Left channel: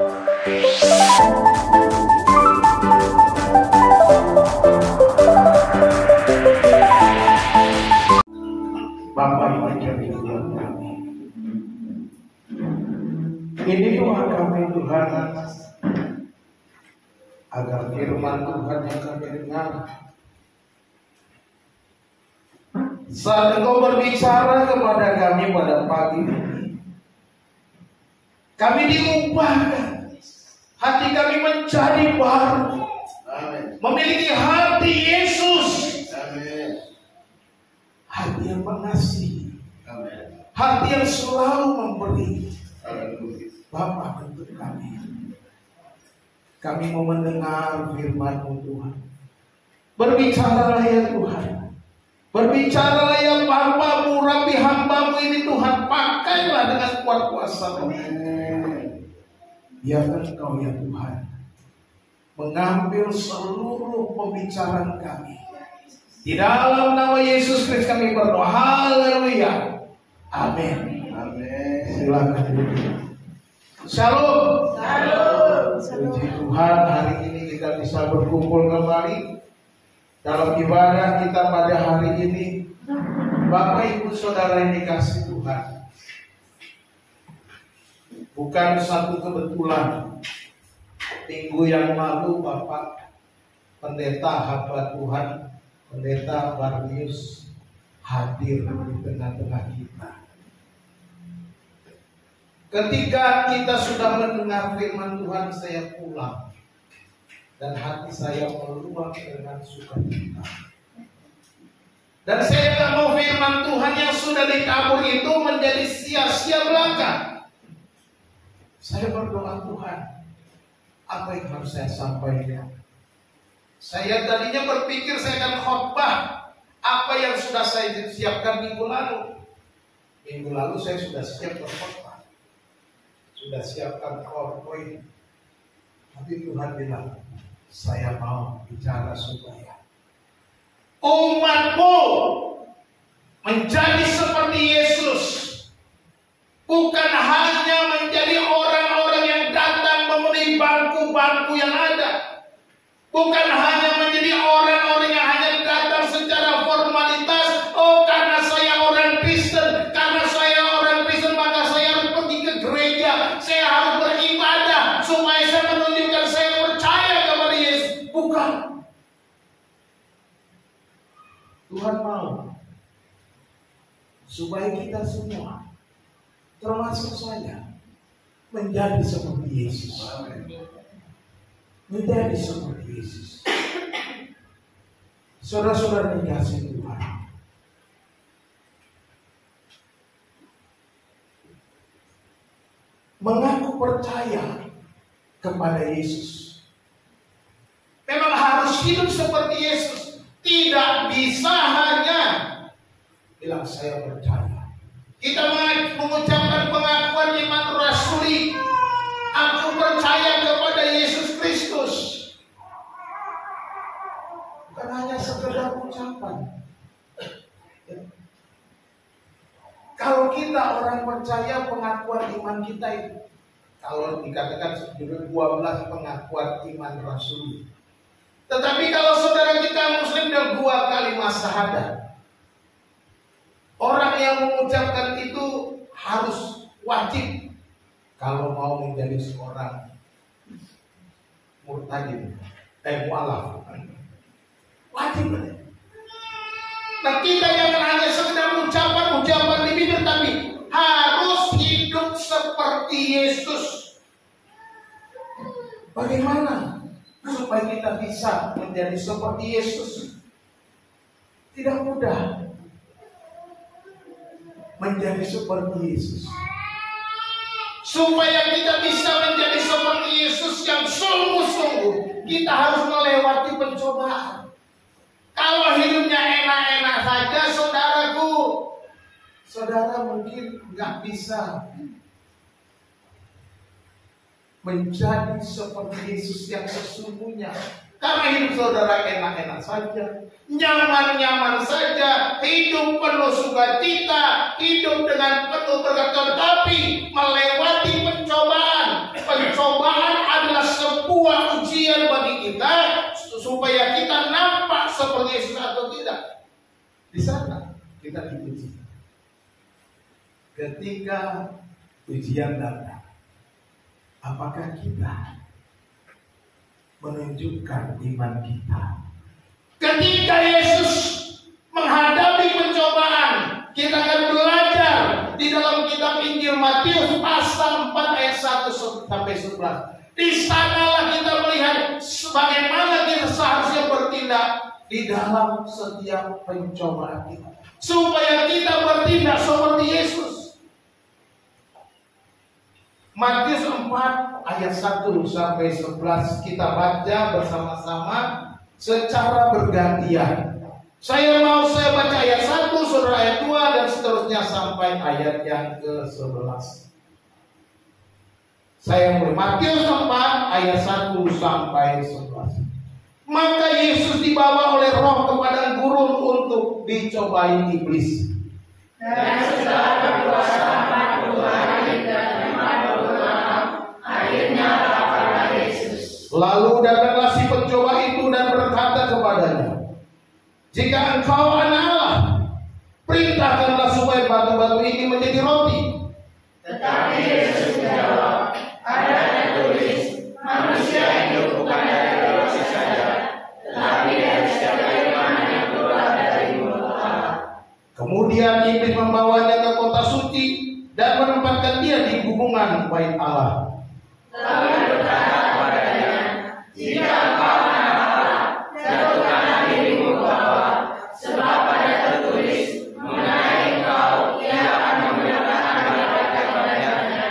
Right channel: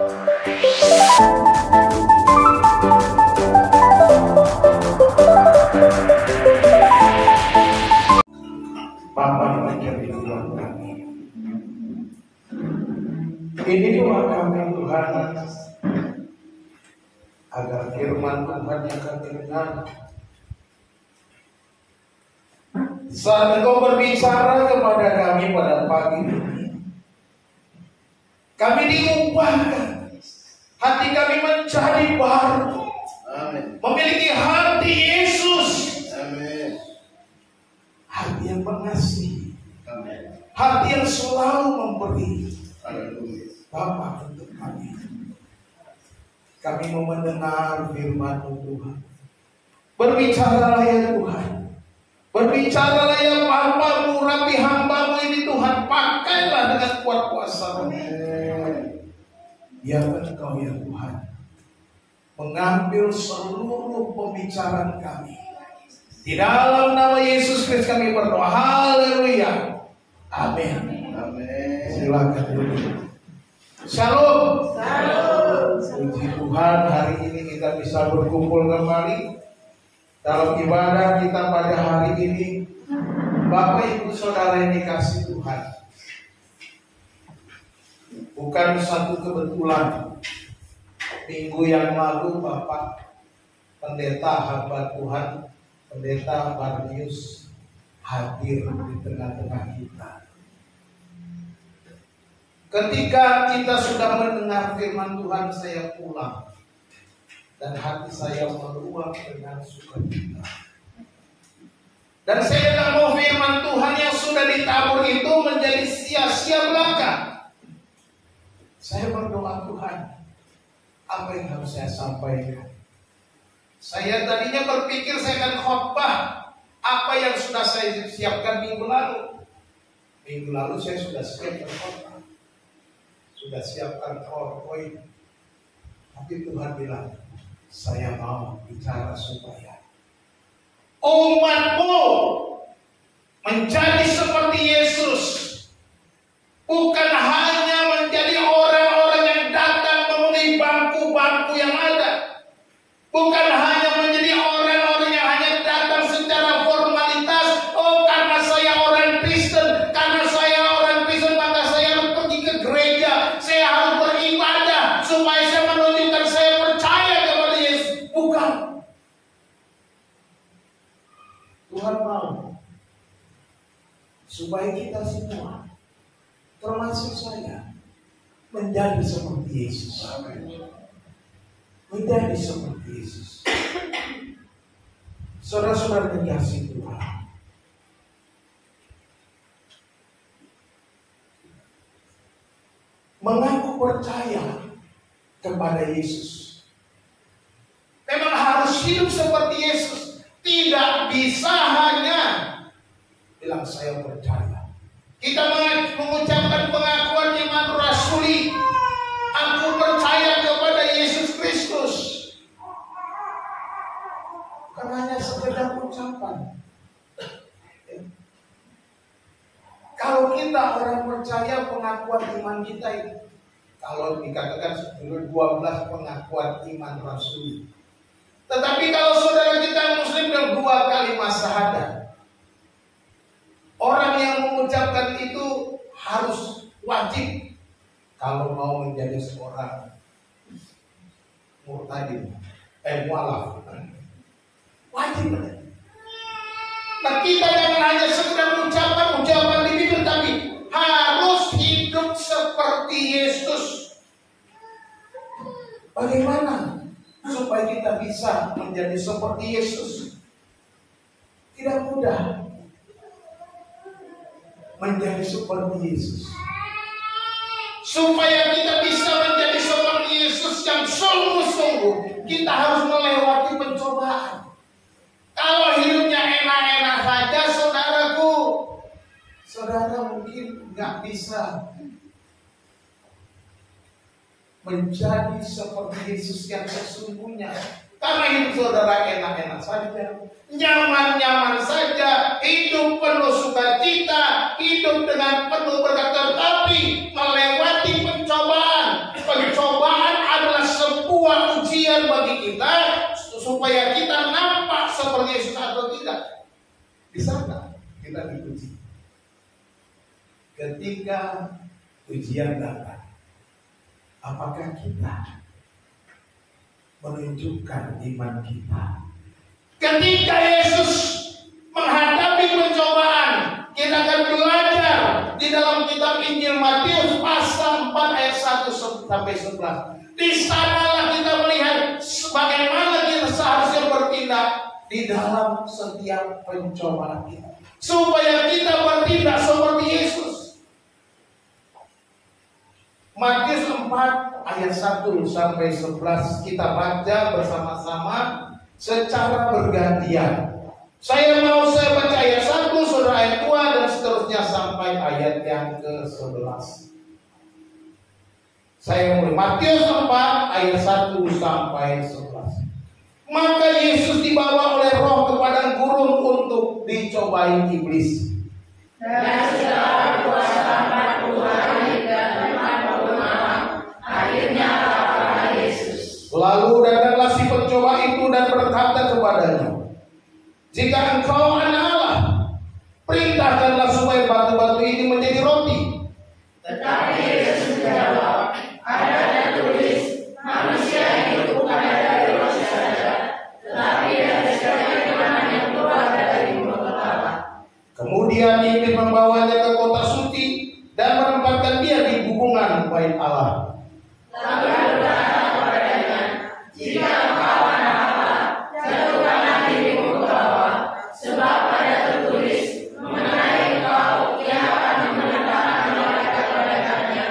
Bapa yang menjadi Tuhan kami, ini doa kami Tuhan, agar firman Tuhan yang kami dengar saat Engkau berbicara kepada kami pada pagi ini, kami diubahkan, hati kami menjadi baru. Amin. Memiliki hati Yesus. Amin. Hati yang mengasihi. Amin. Hati yang selalu memberi. Amin. Bapa, untuk kami. Kami mau mendengar firman-Mu Tuhan. Berbicaralah ya Tuhan. Berbicaralah ya hamba-Mu, rapi hamba-Mu ini Tuhan. Pakailah dengan kuat kuasa-Mu. Biarkan Engkau ya Tuhan mengambil seluruh pembicaraan kami. Di dalam nama Yesus Kristus kami berdoa. Haleluya. Amin. Amin. Silakan duduk. Shalom. Shalom. Puji Tuhan, hari ini kita bisa berkumpul kembali dalam ibadah kita pada hari ini. Bapak Ibu Saudara yang dikasihi Tuhan, bukan satu kebetulan minggu yang lalu Bapak Pendeta hamba Tuhan, Pendeta Barnius hadir di tengah-tengah kita. Ketika kita sudah mendengar firman Tuhan, saya pulang dan hati saya meluap dengan sukacita. Dan saya tidak mau firman Tuhan yang sudah ditabur itu menjadi sia-sia belaka. Saya berdoa, Tuhan, apa yang harus saya sampaikan? Saya tadinya berpikir saya akan khotbah apa yang sudah saya siapkan minggu lalu. Minggu lalu saya sudah siap berkhotbah, sudah siapkan PowerPoint. Tapi Tuhan bilang, saya mau bicara supaya umatmu menjadi seperti Yesus. Bukan hanya menjadi orang-orang yang datang memenuhi bangku-bangku yang ada. Bukan hanya menjadi orang-orang yang hanya datang secara formalitas. Oh, karena saya orang Kristen, karena saya orang Kristen maka saya harus pergi ke gereja, saya harus beribadah supaya saya menunjukkan saya percaya kepada Yesus. Bukan. Tuhan mau supaya kita semua, termasuk saya, menjadi seperti Yesus. Menjadi seperti Yesus. Saudara-saudara dikasihi Tuhan, mengaku percaya kepada Yesus memang harus hidup seperti Yesus. Tidak bisa hanya bilang saya percaya. Kita mengucapkan pengakuan iman rasuli, aku percaya kepada Yesus Kristus. Bukan hanya sekedar ucapan. Kalau kita orang percaya, pengakuan iman kita itu, kalau dikatakan 12 pengakuan iman rasuli. Tetapi kalau saudara kita Muslim dan 2 kalimat syahadat, orang yang mengucapkan itu harus wajib kalau mau menjadi seorang murtadin, mualaf, wajib. Nah, kita yang hanya sekedar ucapan di bibir, tapi harus hidup seperti Yesus. Bagaimana supaya kita bisa menjadi seperti Yesus? Tidak mudah menjadi seperti Yesus. Supaya kita bisa menjadi seperti Yesus yang sungguh-sungguh, kita harus melewati pencobaan. Kalau hidupnya enak-enak saja, saudaraku, saudara mungkin nggak bisa menjadi seperti Yesus yang sesungguhnya. Karena hidup saudara enak-enak saja, nyaman-nyaman saja, hidup penuh sukacita, hidup dengan penuh berkat, tetapi melewati pencobaan kita supaya kita nampak seperti Yesus atau tidak. Di sana kita diuji. Ketika ujian datang, apakah kita menunjukkan iman kita? Ketika Yesus menghadapi pencobaan, kita akan belajar di dalam kitab Injil Matius pasal 4 ayat 1 sampai 11. Di sanalah kita melihat bagaimana kita seharusnya bertindak di dalam setiap pencobaan kita, supaya kita bertindak seperti Yesus. Matius 4 ayat 1 sampai 11 kita baca bersama-sama secara bergantian. Saya baca ayat 1, saudara ayat 2, dan seterusnya sampai ayat yang ke-11. Saya mulai Matius 4 ayat 1 sampai 11. Maka Yesus dibawa oleh Roh ke padang gurun untuk dicobai iblis. Dan setelah berpuasa 40 hari dan 40 malam, akhirnya laparlah Yesus. Lalu datanglah si pencoba itu dan berkata kepadanya, jika engkau anak Allah, perintahkanlah supaya batu-batu ini menjadi roti. Tetapi Yesus menjawab, ada tertulis, manusia hidup bukan dari roti saja, tetapi dari segala firman yang keluar dari mulut Allah. Kemudian iblis membawanya ke kota suci dan menempatkan dia di gubungan bait Allah. Lalu berkata kepadanya, jika engkau anak Allah, jatuhkanlah dirimu ke bawah, sebab ada tertulis mengenai engkau, ia akan memerintahkan malaikat-malaikatnya,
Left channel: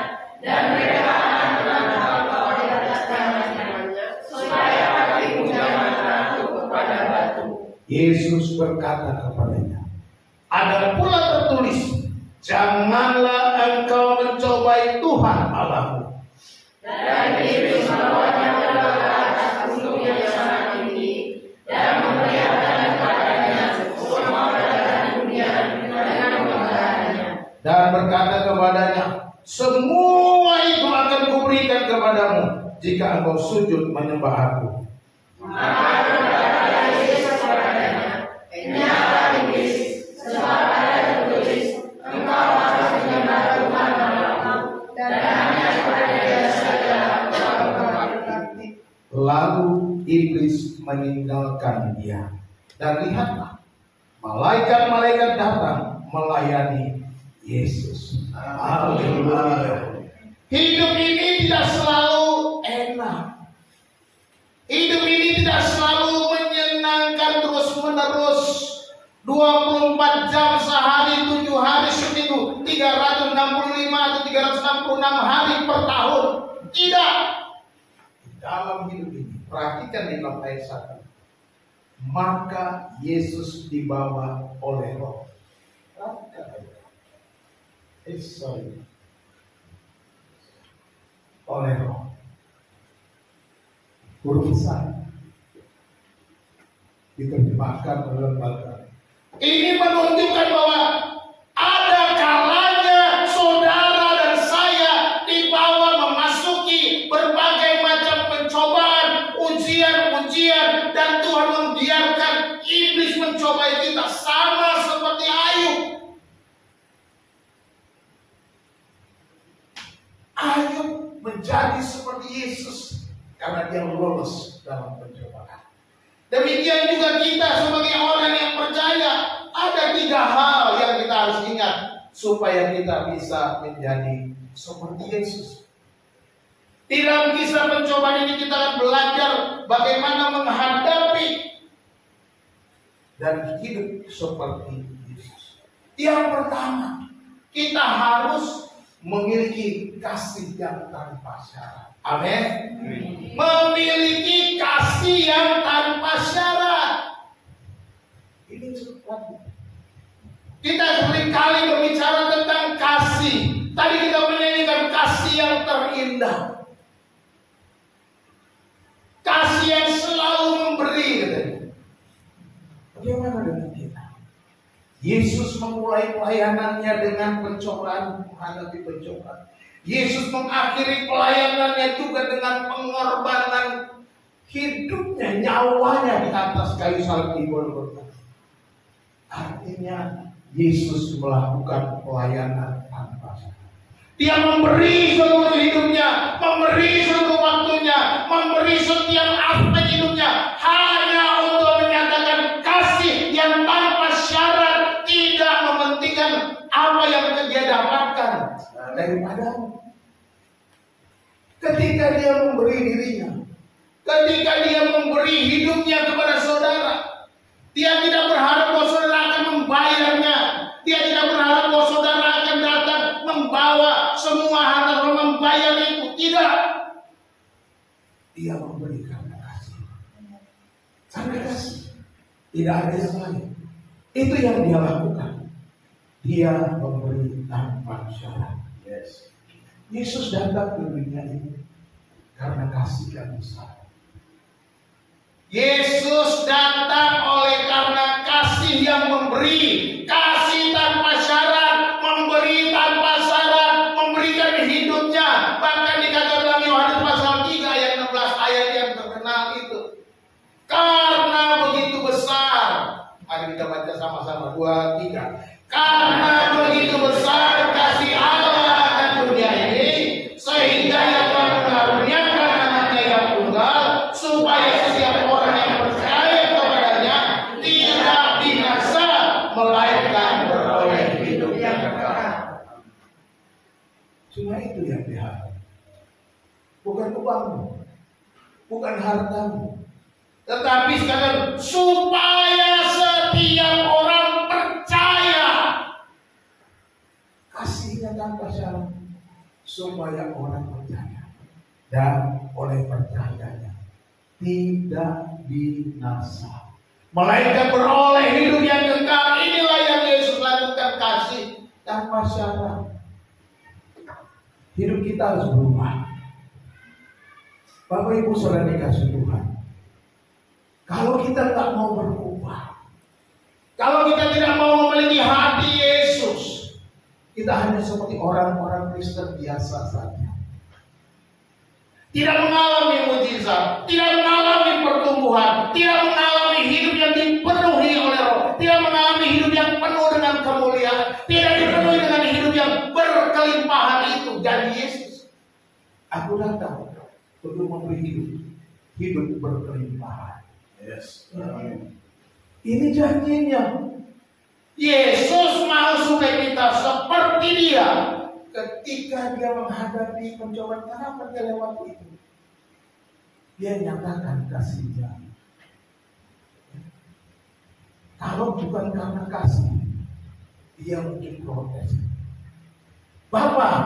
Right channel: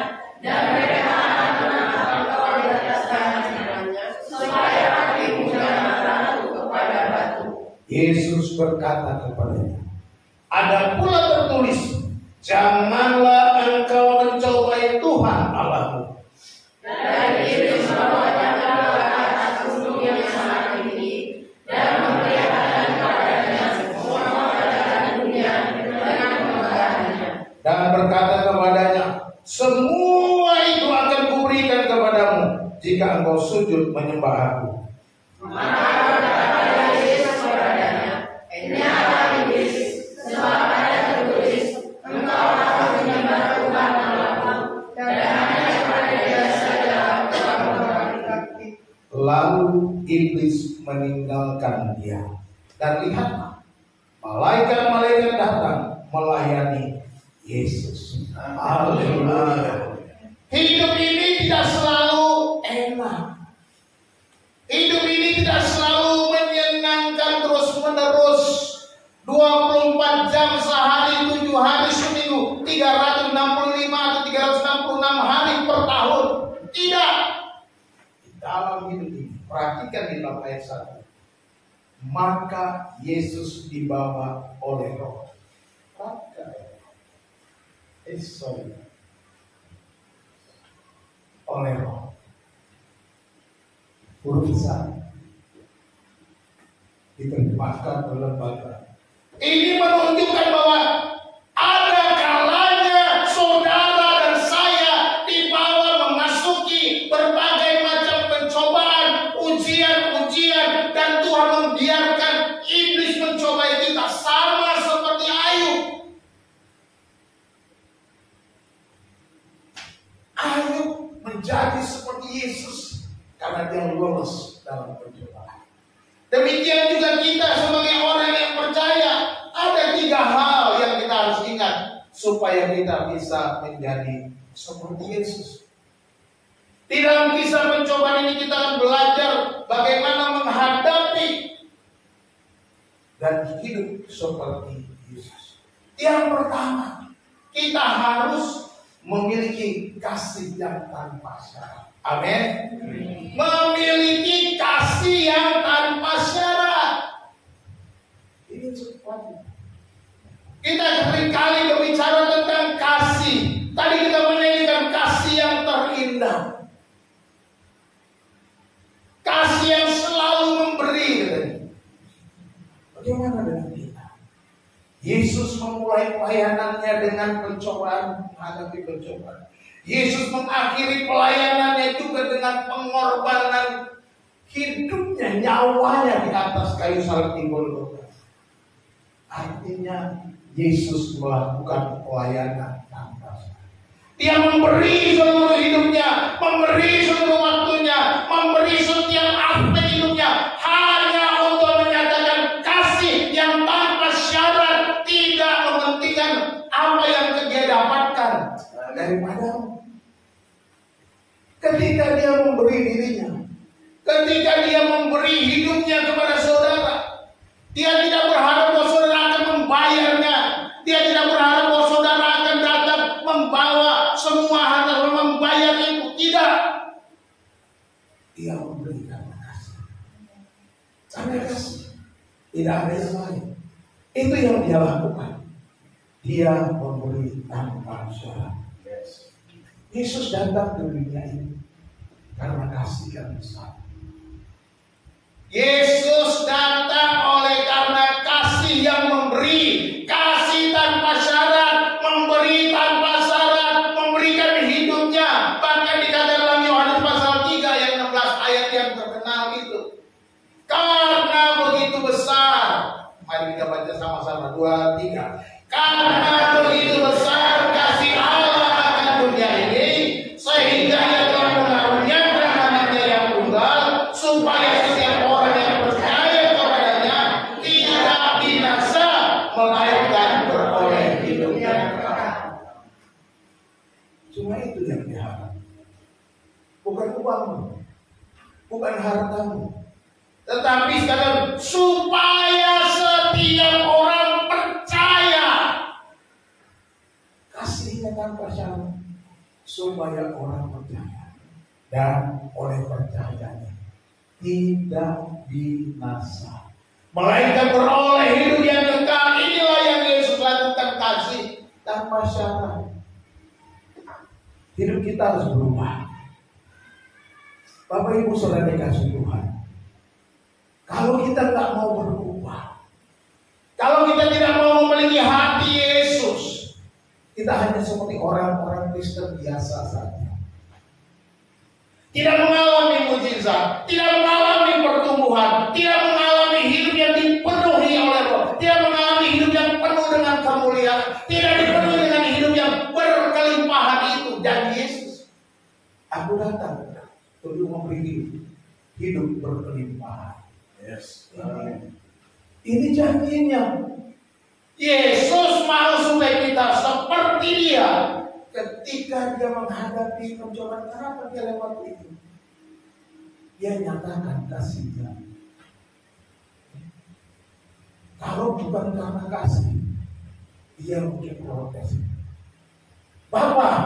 dan mereka akan mengangkat engkau di atas tangannya, supaya kakimu jangan terjatuh kepada batu. Yesus berkata kepadanya, ada pula tertulis, janganlah engkau mencobai Tuhan Allahmu. Dan iblis membawanya ke atas gunung yang sangat tinggi, dan memperlihatkan kepadanya semua kerajaan dunia dengan kemudahannya. Dan berkata kepadanya, semua itu akan kuberikan kepadamu jika engkau sujud menyembah aku. Maka berkata Yesus kepadanya, nyata iblis, sebab ada tertulis, engkau harus menyembah Tuhan Allahmu, dan hanya kepada Dia saja engkau berbakti. Lalu iblis meninggalkan dia. Dan lihatlah, malaikat-malaikat datang melayani Yesus. Haleluya. Hidup ini tidak selalu enak. Hidup ini tidak selalu menyenangkan terus-menerus. 24 jam sehari, 7 hari seminggu, 365 atau 366 hari per tahun. Tidak. Di dalam hidup ini, perhatikan di dalam ayat 1. Maka Yesus dibawa oleh Roh. Oleh Roh. Huruf besar diterjemahkan oleh lembaga. Ini menunjukkan bahwa ada kalanya saudara dan saya dibawa memasuki berbagai macam pencobaan, ujian-ujian, dan Tuhan membiarkan iblis mencobai kita sama seperti Ayub. Ayub menjadi seperti Yesus karena dia lolos dalam pencobaan. Demikian juga kita sebagai orang yang percaya, ada 3 hal yang kita harus ingat supaya kita bisa menjadi seperti Yesus. Di dalam kisah pencobaan ini kita akan belajar bagaimana menghadapi dan hidup seperti Yesus. Yang pertama, kita harus memiliki kasih yang tanpa syarat. Amin. Memiliki kasih yang tanpa syarat. Ini sesuatu. Kita seringkali berbicara tentang kasih. Tadi kita menyanyikan kasih yang terindah. Kasih yang selalu memberi, katanya. Bagaimana dengan kita? Yesus memulai pelayanannya dengan pencobaan, menghadapi pencobaan. Yesus mengakhiri pelayanannya juga dengan pengorbanan hidupnya hidupnya, nyawanya di atas kayu salib di Golgota. Artinya Yesus melakukan pelayanan tanpa syarat. Dia memberi seluruh hidupnya, memberi seluruh waktunya, memberi setiap aspek hidupnya hanya untuk menyatakan kasih yang tanpa syarat, tidak mementingkan apa yang dia dapatkan daripadamu. Ketika dia memberi dirinya, ketika dia memberi hidupnya kepada saudara, dia tidak berharap bahwa saudara akan membayarnya. Dia tidak berharap bahwa saudara akan datang membawa semua harta membayar itu. Tidak. Dia memberi karena kasih. Karena kasih. Tidak ada yang lain. Itu yang dia lakukan. Dia memberi tanpa syarat. Yesus datang ke dunia ini karena kasih yang besar. Yesus datang oleh karena kasih yang memberi, kasih tanpa syarat, memberi tanpa syarat, memberikan hidupnya. Bahkan dikatakan dalam Yohanes pasal 3 ayat 16, ayat yang terkenal itu. Karena begitu besar, mari kita baca sama-sama 2, 3. Karena begitu besar kasih Allah akan dunia ini, sehingga Ia telah mengaruniakan anaknya yang tunggal, supaya setiap orang yang percaya kepadanya tidak binasa, melainkan beroleh hidup yang kekal. Cuma itu yang diharap. Bukan uangmu, bukan hartamu, tetapi sekadar supaya setiap orang percaya. Kasihnya tanpa syarat, supaya orang percaya, dan oleh percayanya tidak binasa, melainkan beroleh hidup yang kekal. Inilah yang Yesus lakukan, kasih tanpa syarat. Hidup kita harus berubah. Bapak Ibu saudara dikasih Tuhan, kalau kita tak mau berubah, kalau kita tidak mau memiliki hati Yesus, kita hanya seperti orang-orang Kristen biasa saja. Tidak mengalami mujizat, tidak mengalami pertumbuhan, tidak mengalami hidup yang dipenuhi oleh Roh, tidak mengalami hidup yang penuh dengan kemuliaan, tidak dipenuhi dengan hidup yang berkelimpahan itu. Janji Yesus, aku datang untuk memberi hidup berkelimpahan. Yes. Ini janjinya. Yesus mau supaya kita seperti Dia. Ketika Dia menghadapi pencobaan, kenapa Dia lewat itu? Dia nyatakan kasih-Nya. Kalau bukan karena kasih, Dia mungkin protes. Bapak,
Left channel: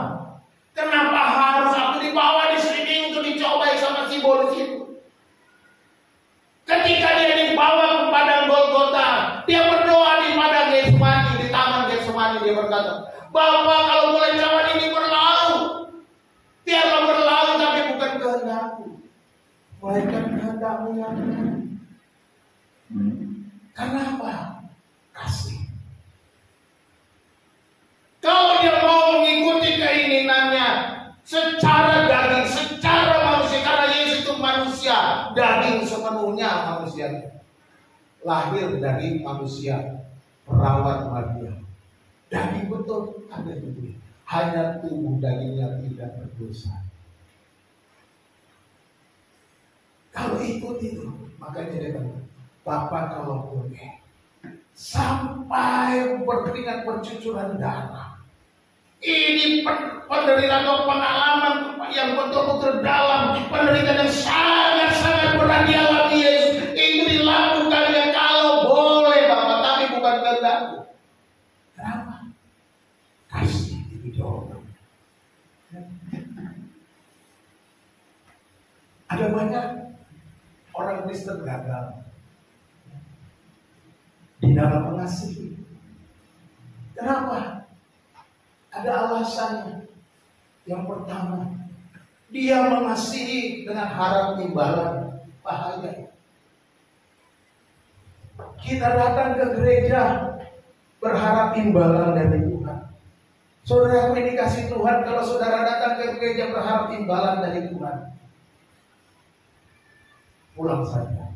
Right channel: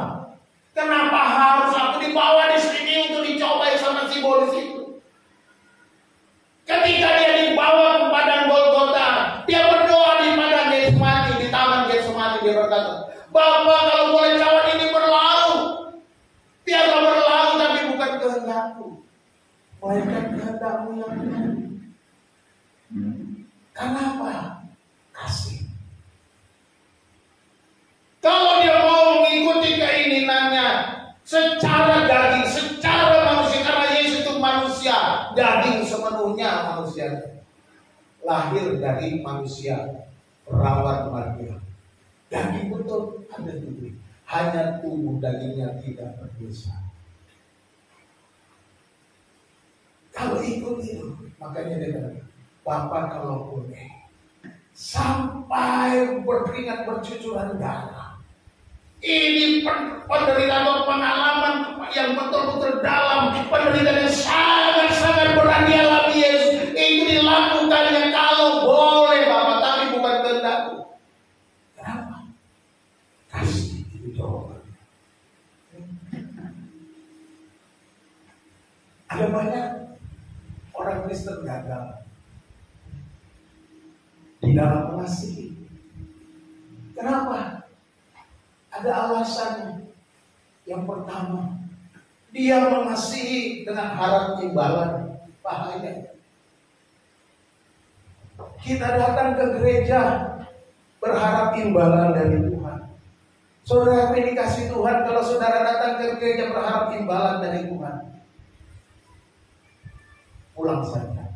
kenapa harus aku dibawa di sini untuk dicobai sama si bolis itu? Ketika Dia dibawa ke padang Golgota, Dia berdoa di padang Getsemani, di taman Getsemani. Dia berkata, Bapa, kalau boleh cawan ini berlalu, biarlah berlalu, tapi bukan kehendakku, melainkan kehendak-Mu yang benar. Kenapa? Kasih. Kalau dia mau mengikuti keinginannya secara daging, secara manusia, karena Yesus itu manusia, daging sepenuhnya manusia, lahir dari manusia, perawat Maria, daging betul ada tubuh, hanya tubuh dagingnya tidak berdosa. Kalau ikut itu, makanya dia bilang, Bapak kalau boleh, sampai berkeringat bercucuran darah. Ini penderitaan atau pengalaman yang betul-betul dalam, penderitaan yang sangat-sangat berat dialami Yesus. Itu dilakukannya kalau boleh Bapak, tapi bukan kehendakku. Kenapa? Kasih itu jawabannya. Ada banyak orang Kristen gagal di dalam mengasihi. Kenapa? Ada alasannya. Yang pertama, dia mengasihi dengan harap imbalan. Bahaya. Kita datang ke gereja berharap imbalan dari Tuhan. Saudara yang dikasih Tuhan, kalau saudara datang ke gereja berharap imbalan dari Tuhan, pulang saja.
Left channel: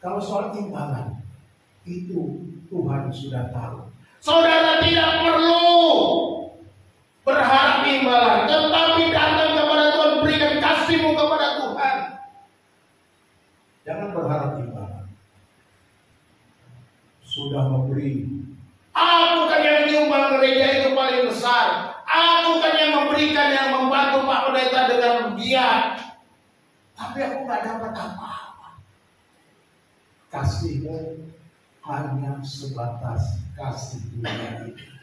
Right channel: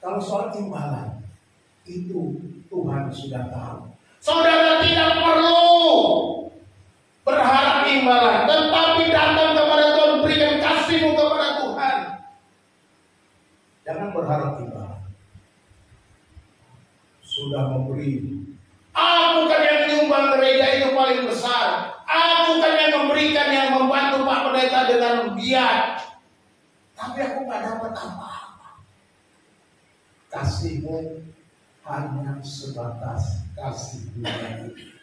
Kalau soal imbalan, itu Tuhan sudah tahu. Saudara tidak perlu berharap imbalan, tetapi datang kepada Tuhan, berikan kasihmu kepada Tuhan. Jangan berharap imbalan. Sudah memberi. Aku kan yang menyumbang gereja itu paling besar. Aku kan yang memberikan, yang membantu Pak Pendeta dengan giat. Tapi aku nggak dapat apa-apa. Kasihmu hanya sebatas kasih dunia ini.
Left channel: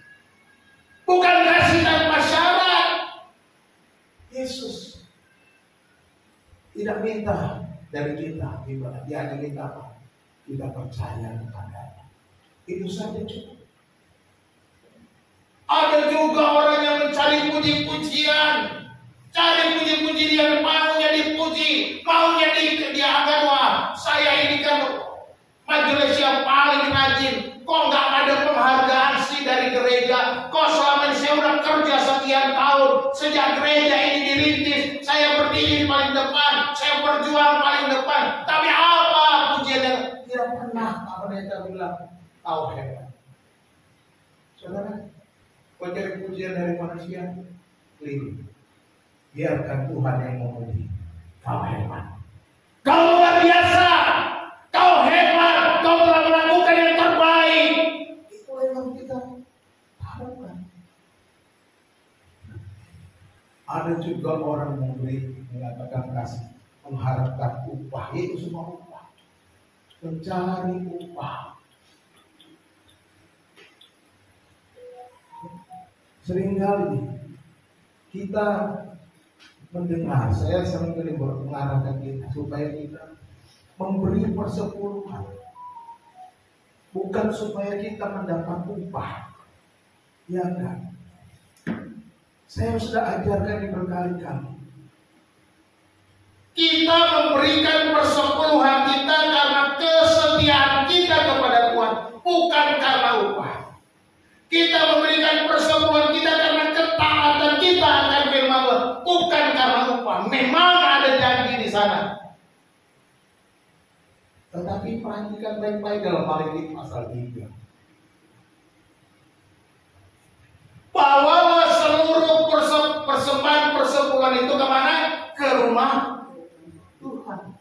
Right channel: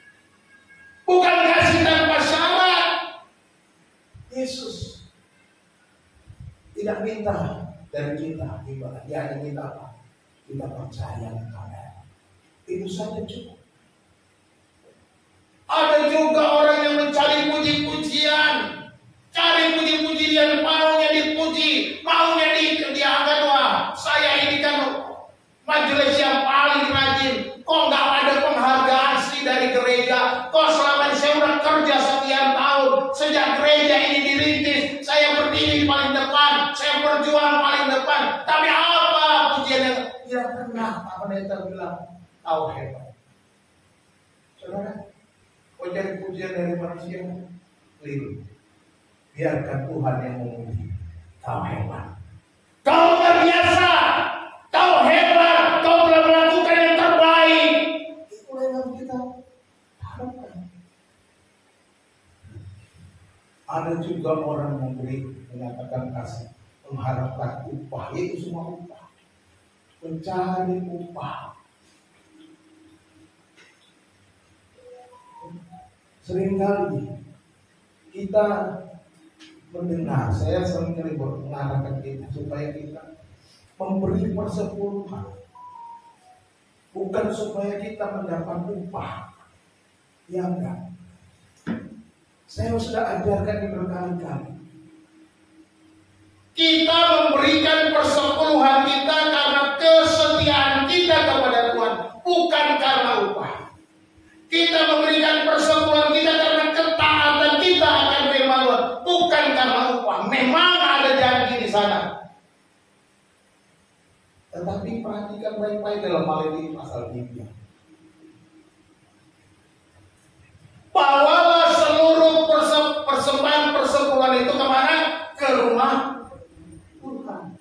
Bukan kasih tanpa syarat. Yesus tidak minta dari kita imbalan. Dia hanya minta apa? Kita percaya kepadanya. Itu saja cukup. Ada juga orang yang mencari puji-pujian, cari puji-pujian, maunya dipuji, maunya dianggap, wah saya ini kan majelis yang paling rajin. Kok nggak ada penghargaan sih dari gereja? Kok selama ini saya udah kerja sekian tahun, sejak gereja ini dirintis, saya berdiri paling depan, saya berjuang paling depan. Tapi apa pujiannya? Tidak pernah Pak Pendeta bilang, kau hebat. Saudara, kau cari pujian dari manusia, keliru. Biarkan Tuhan yang memuji. Kau hebat, kau luar biasa, kau hebat, kau telah melakukan yang terbaik. Itulah yang kita harapkan. Ada juga orang memberi, mengatakan kasih, mengharapkan upah. Itu semua upah, mencari upah. Seringkali kita mendengar, saya sering kali mengarahkan kita supaya kita memberi persepuluhan, bukan supaya kita mendapat upah. Ya enggak. Saya sudah ajarkan ini berkali-kali. Kita memberikan persepuluhan kita karena kesetiaan kita kepada Tuhan, bukan karena upah. Kita memberikan persepuluhan kita karena ketaatan kita akan firman Tuhan, bukan karena upah. Memang ada janji di sana. Tetapi perhatikan baik-baik dalam Maliaki pasal 3. Bawalah seluruh persembahan persepuluhan itu kemana? Ke rumah Tuhan.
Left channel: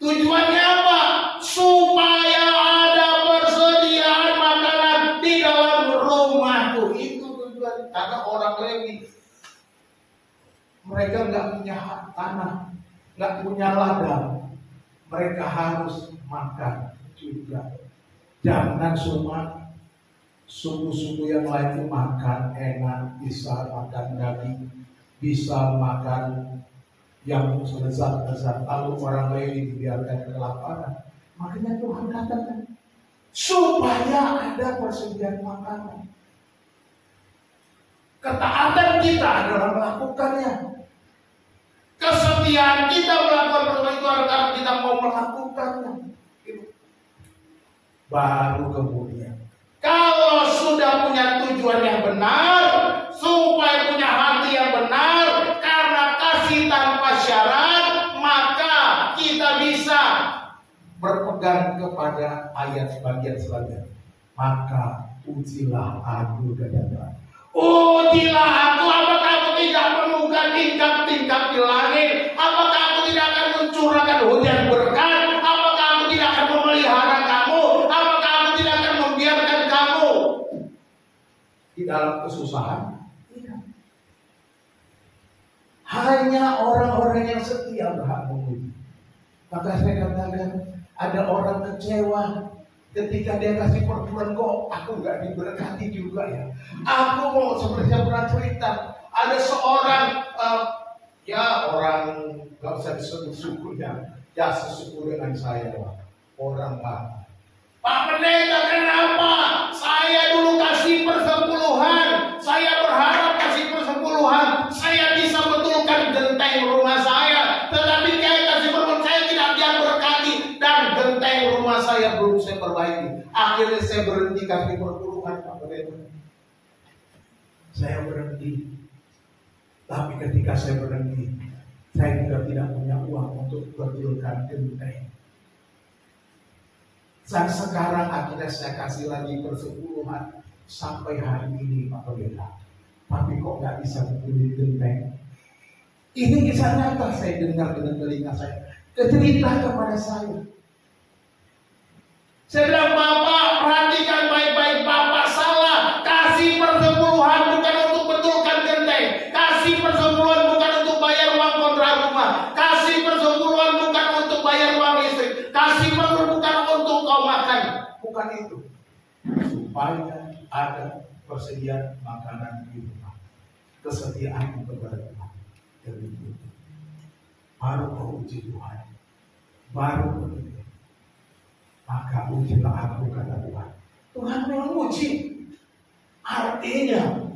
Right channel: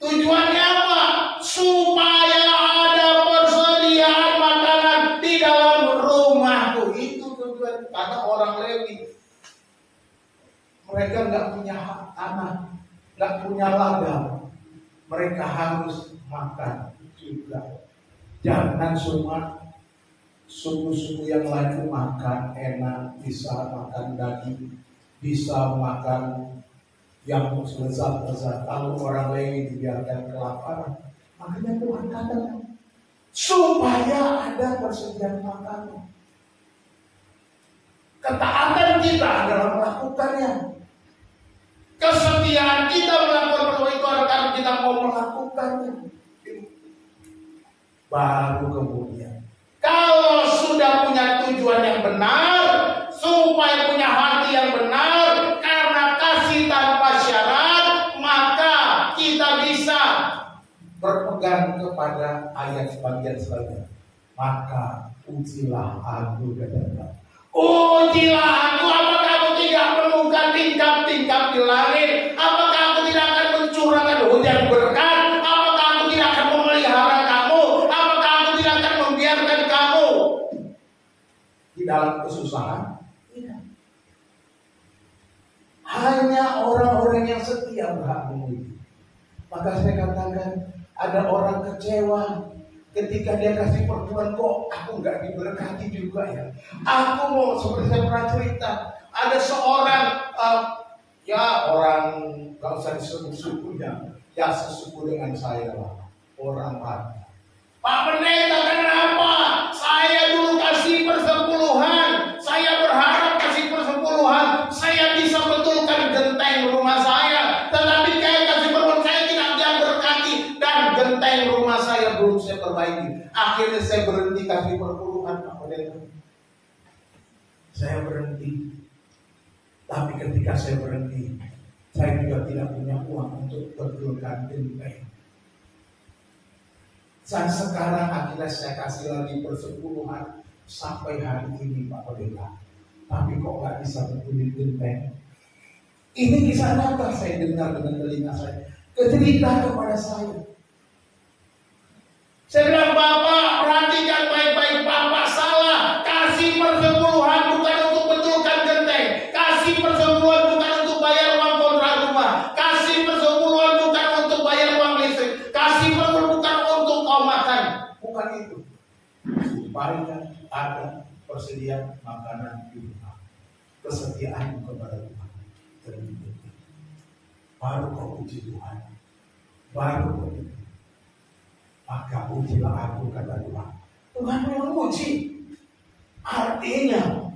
Tujuannya apa? Supaya ada persediaan makanan di dalam rumahku. Itu tujuan. Karena orang Lewi, mereka nggak punya tanah, nggak punya ladang. Mereka harus makan juga. Jangan cuma suku-suku yang lain makan enak, bisa makan daging, bisa makan yang lezat-lezat. Lalu orang Lewi dibiarkan kelaparan. Makanya Tuhan katakan supaya ada persediaan makanan. Ketaatan kita dalam melakukannya, kesetiaan kita melakukan perbuatan itu karena kita mau melakukannya. Baru kemudian, kalau sudah punya tujuan yang benar, supaya punya hati yang benar, karena kasih tanpa syarat, maka kita bisa berpegang kepada ayat bagian selanjutnya. Maka ujilah aku, kata ujilah aku, apakah aku tidak menemukan tingkap-tingkap di langit? Apakah aku tidak akan mencurahkan hujan berkat? Apakah aku tidak akan memelihara kamu? Apakah aku tidak akan membiarkan kamu di dalam kesusahan? Tidak. Hanya orang-orang yang setia berhak memuji. Maka saya katakan, ada orang kecewa ketika dia kasih perpuluhan, kok aku nggak diberkati juga ya. Aku mau, seperti saya pernah cerita, ada seorang orang nggak usah disebut sukunya, ya sesuku dengan saya lah, orang Pak Pendeta, kenapa saya dulu kasih persepuluhan, saya berharap kasih persepuluhan, saya bisa betulkan genteng rumah saya, tetapi kayak kasih persepuluhan saya tidak dia berkati, dan genteng rumah saya belum saya perbaiki. Akhirnya saya berhenti kasih persepuluhan, Pak Pendeta. Saya berhenti. Tapi ketika saya berhenti, Saya juga tidak punya uang untuk betulkan genteng. Dan sekarang akhirnya saya kasih lagi persepuluhan sampai hari ini Pak Pendeta. Tapi kok nggak bisa betulin genteng? Ini kisah nyata saya dengar dengan telinga saya. Cerita kepada saya. Saya bilang, Bapak perhatikan baik-baik, Bapak salah. Kasih persepuluhan bukan untuk betulkan genteng. Kasih persepuluhan bukan untuk bayar uang kontrak rumah. Kasih persepuluhan bukan untuk bayar uang listrik. Kasih persepuluhan bukan untuk kau makan. Bukan itu. Supaya ada persediaan makanan di rumah. Kesetiaan kepada Tuhan. Terbukti. Baru kau uji Tuhan. Baru kau uji. Maka ujilah aku, kata Tuhan. Tuhan memang uji. Artinya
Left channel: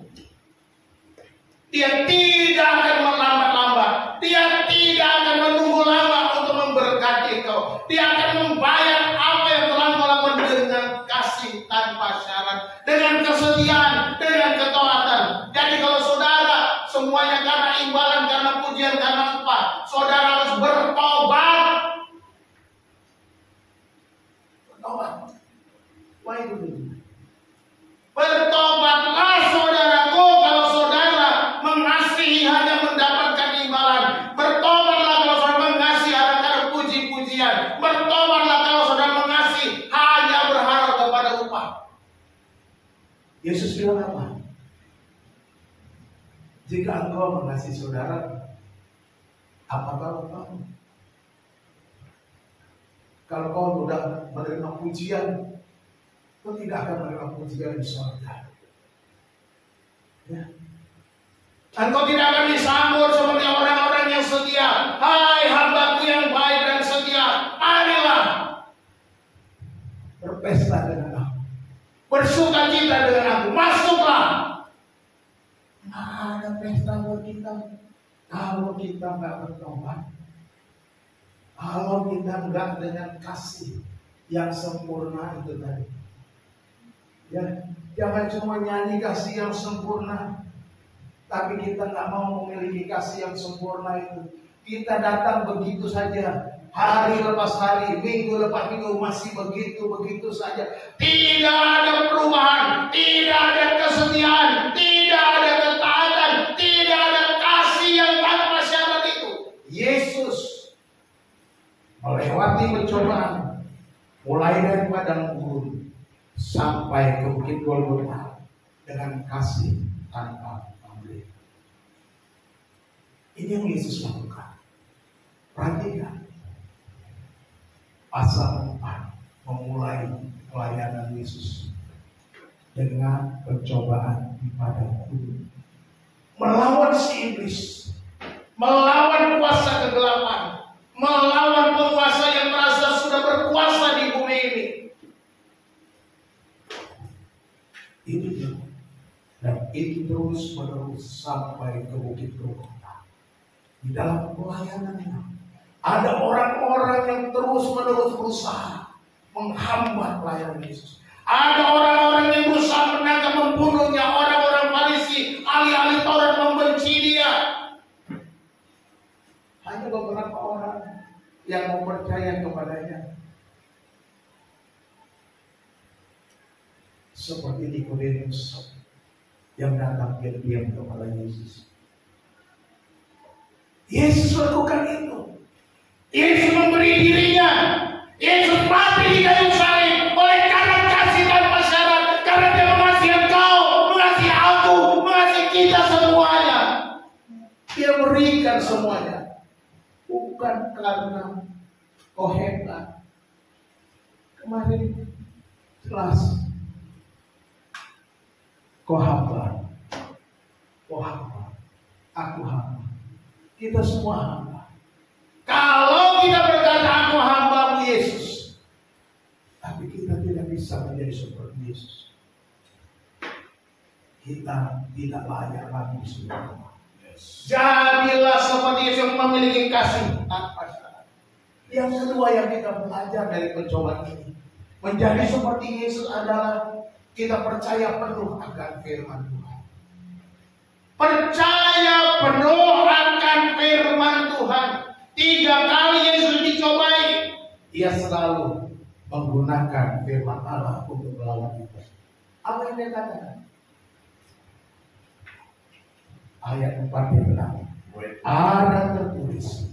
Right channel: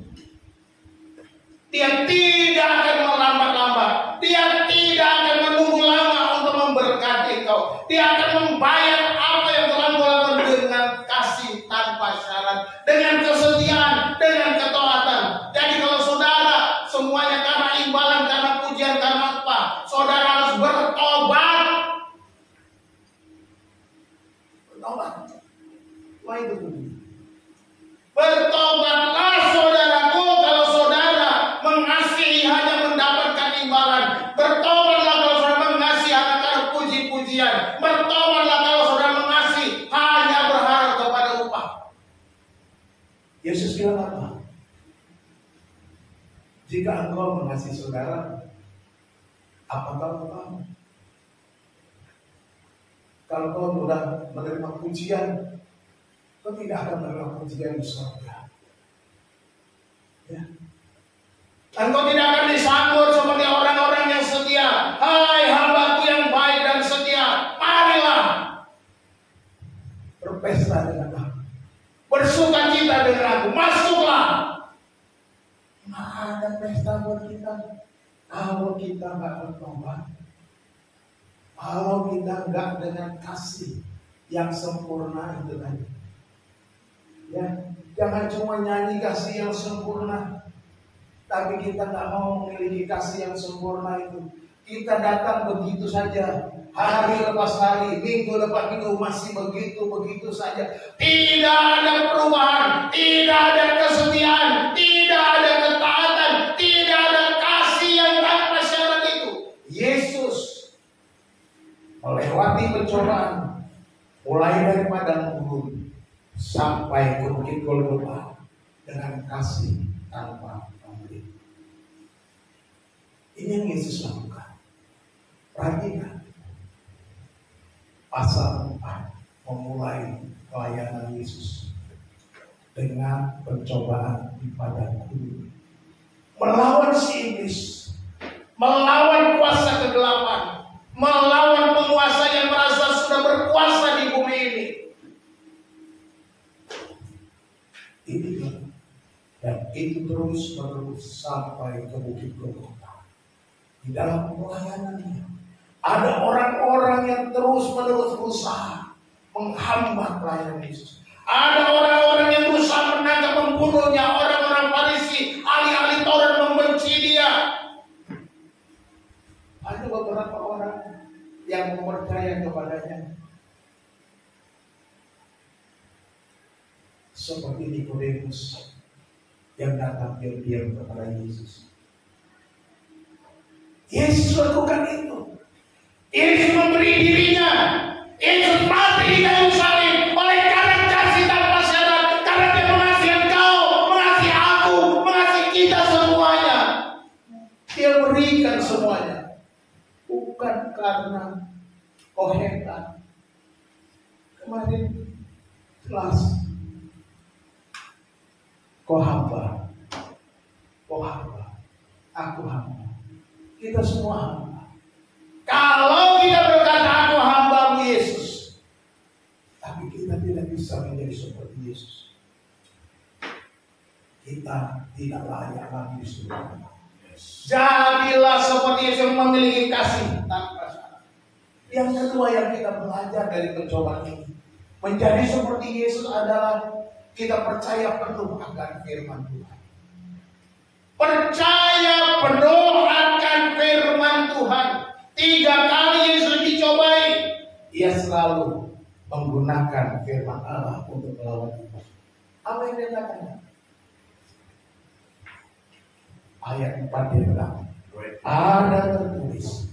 Dia tidak akan melambat-lambat. Dia tidak akan menunggu lama untuk memberkati kau. Dia akan membayar apa yang telah kau lakukan dengan kasih tanpa syarat, dengan kesetiaan, dengan ketaatan. Jadi kalau saudara semuanya karena imbalan, karena pujian, karena upah, saudara harus bertobat. Bertobat. Wah itu betul. Bertobatlah saudaraku kalau saudara mengasihi hanya mendapatkan imbalan. Bertobatlah kalau saudara mengasihi hanya karena puji-pujian. Bertobatlah kalau saudara mengasihi hanya berharap kepada upah. Yesus bilang apa? Jika engkau mengasihi saudara, apakah kamu? Kalau kau sudah menerima pujian, kau tidak akan menerima pujian di surga. Ya. Dan kau tidak akan disambut seperti orang-orang yang setia. Hai hambaku yang baik dan setia, marilah berpesta dengan aku, bersuka cita dengan aku, masuklah. Nggak ada pesta buat kita kalau kita nggak bertobat. Kalau kita nggak dengan kasih yang sempurna itu tadi. Ya, jangan cuma nyanyi kasih yang sempurna, tapi kita nggak mau memiliki kasih yang sempurna itu. Kita datang begitu saja, hari lepas hari, minggu lepas minggu masih begitu saja. Tidak ada perubahan, tidak ada kesetiaan, tidak ada ketaatan, tidak ada kasih yang tanpa syarat itu. Yesus melewati pencobaan, mulai dari padang gurun sampai ke bukit Golgota dengan kasih tanpa pamrih. Ini yang Yesus lakukan. Perhatikan pasal 4 memulai pelayanan Yesus dengan pencobaan di padang gurun, melawan si iblis, melawan kuasa kegelapan, melawan penguasa yang merasa sudah berkuasa di bumi ini. Dan itu terus menerus sampai ke bukit Golgota. Di dalam pelayanannya ada orang-orang yang terus menerus berusaha menghambat pelayanan Yesus. Ada orang-orang yang berusaha menangkap, membunuhnya. Orang-orang Farisi, ahli-ahli Taurat membenci dia. Hanya beberapa orang yang mau percaya kepadanya, seperti Nikodemus yang datang diam-diam kepada Yesus. Yesus lakukan itu. Yesus memberi dirinya. Yesus mati di kayu salib oleh karena kasih tanpa syarat, karena Dia mengasihi engkau, mengasihi aku, mengasihi kita semuanya. Dia berikan semuanya. Bukan karena kau hebat. Kemarin kelas kau hamba, aku hamba. Kita semua hamba. Kalau kita berkata aku hamba Yesus, tapi kita tidak bisa menjadi seperti Yesus. Kita tidak layak lagi di surga. Jadilah seperti Yesus yang memiliki kasih tanpa syarat. Yang kedua yang kita belajar dari pencobaan ini, menjadi seperti Yesus adalah kita percaya penuh akan firman Tuhan. Percaya penuh akan firman Tuhan. dia selalu menggunakan firman Allah untuk melawan itu. Apa yang dia katakan? Ayat 4 dia bilang, ada tertulis,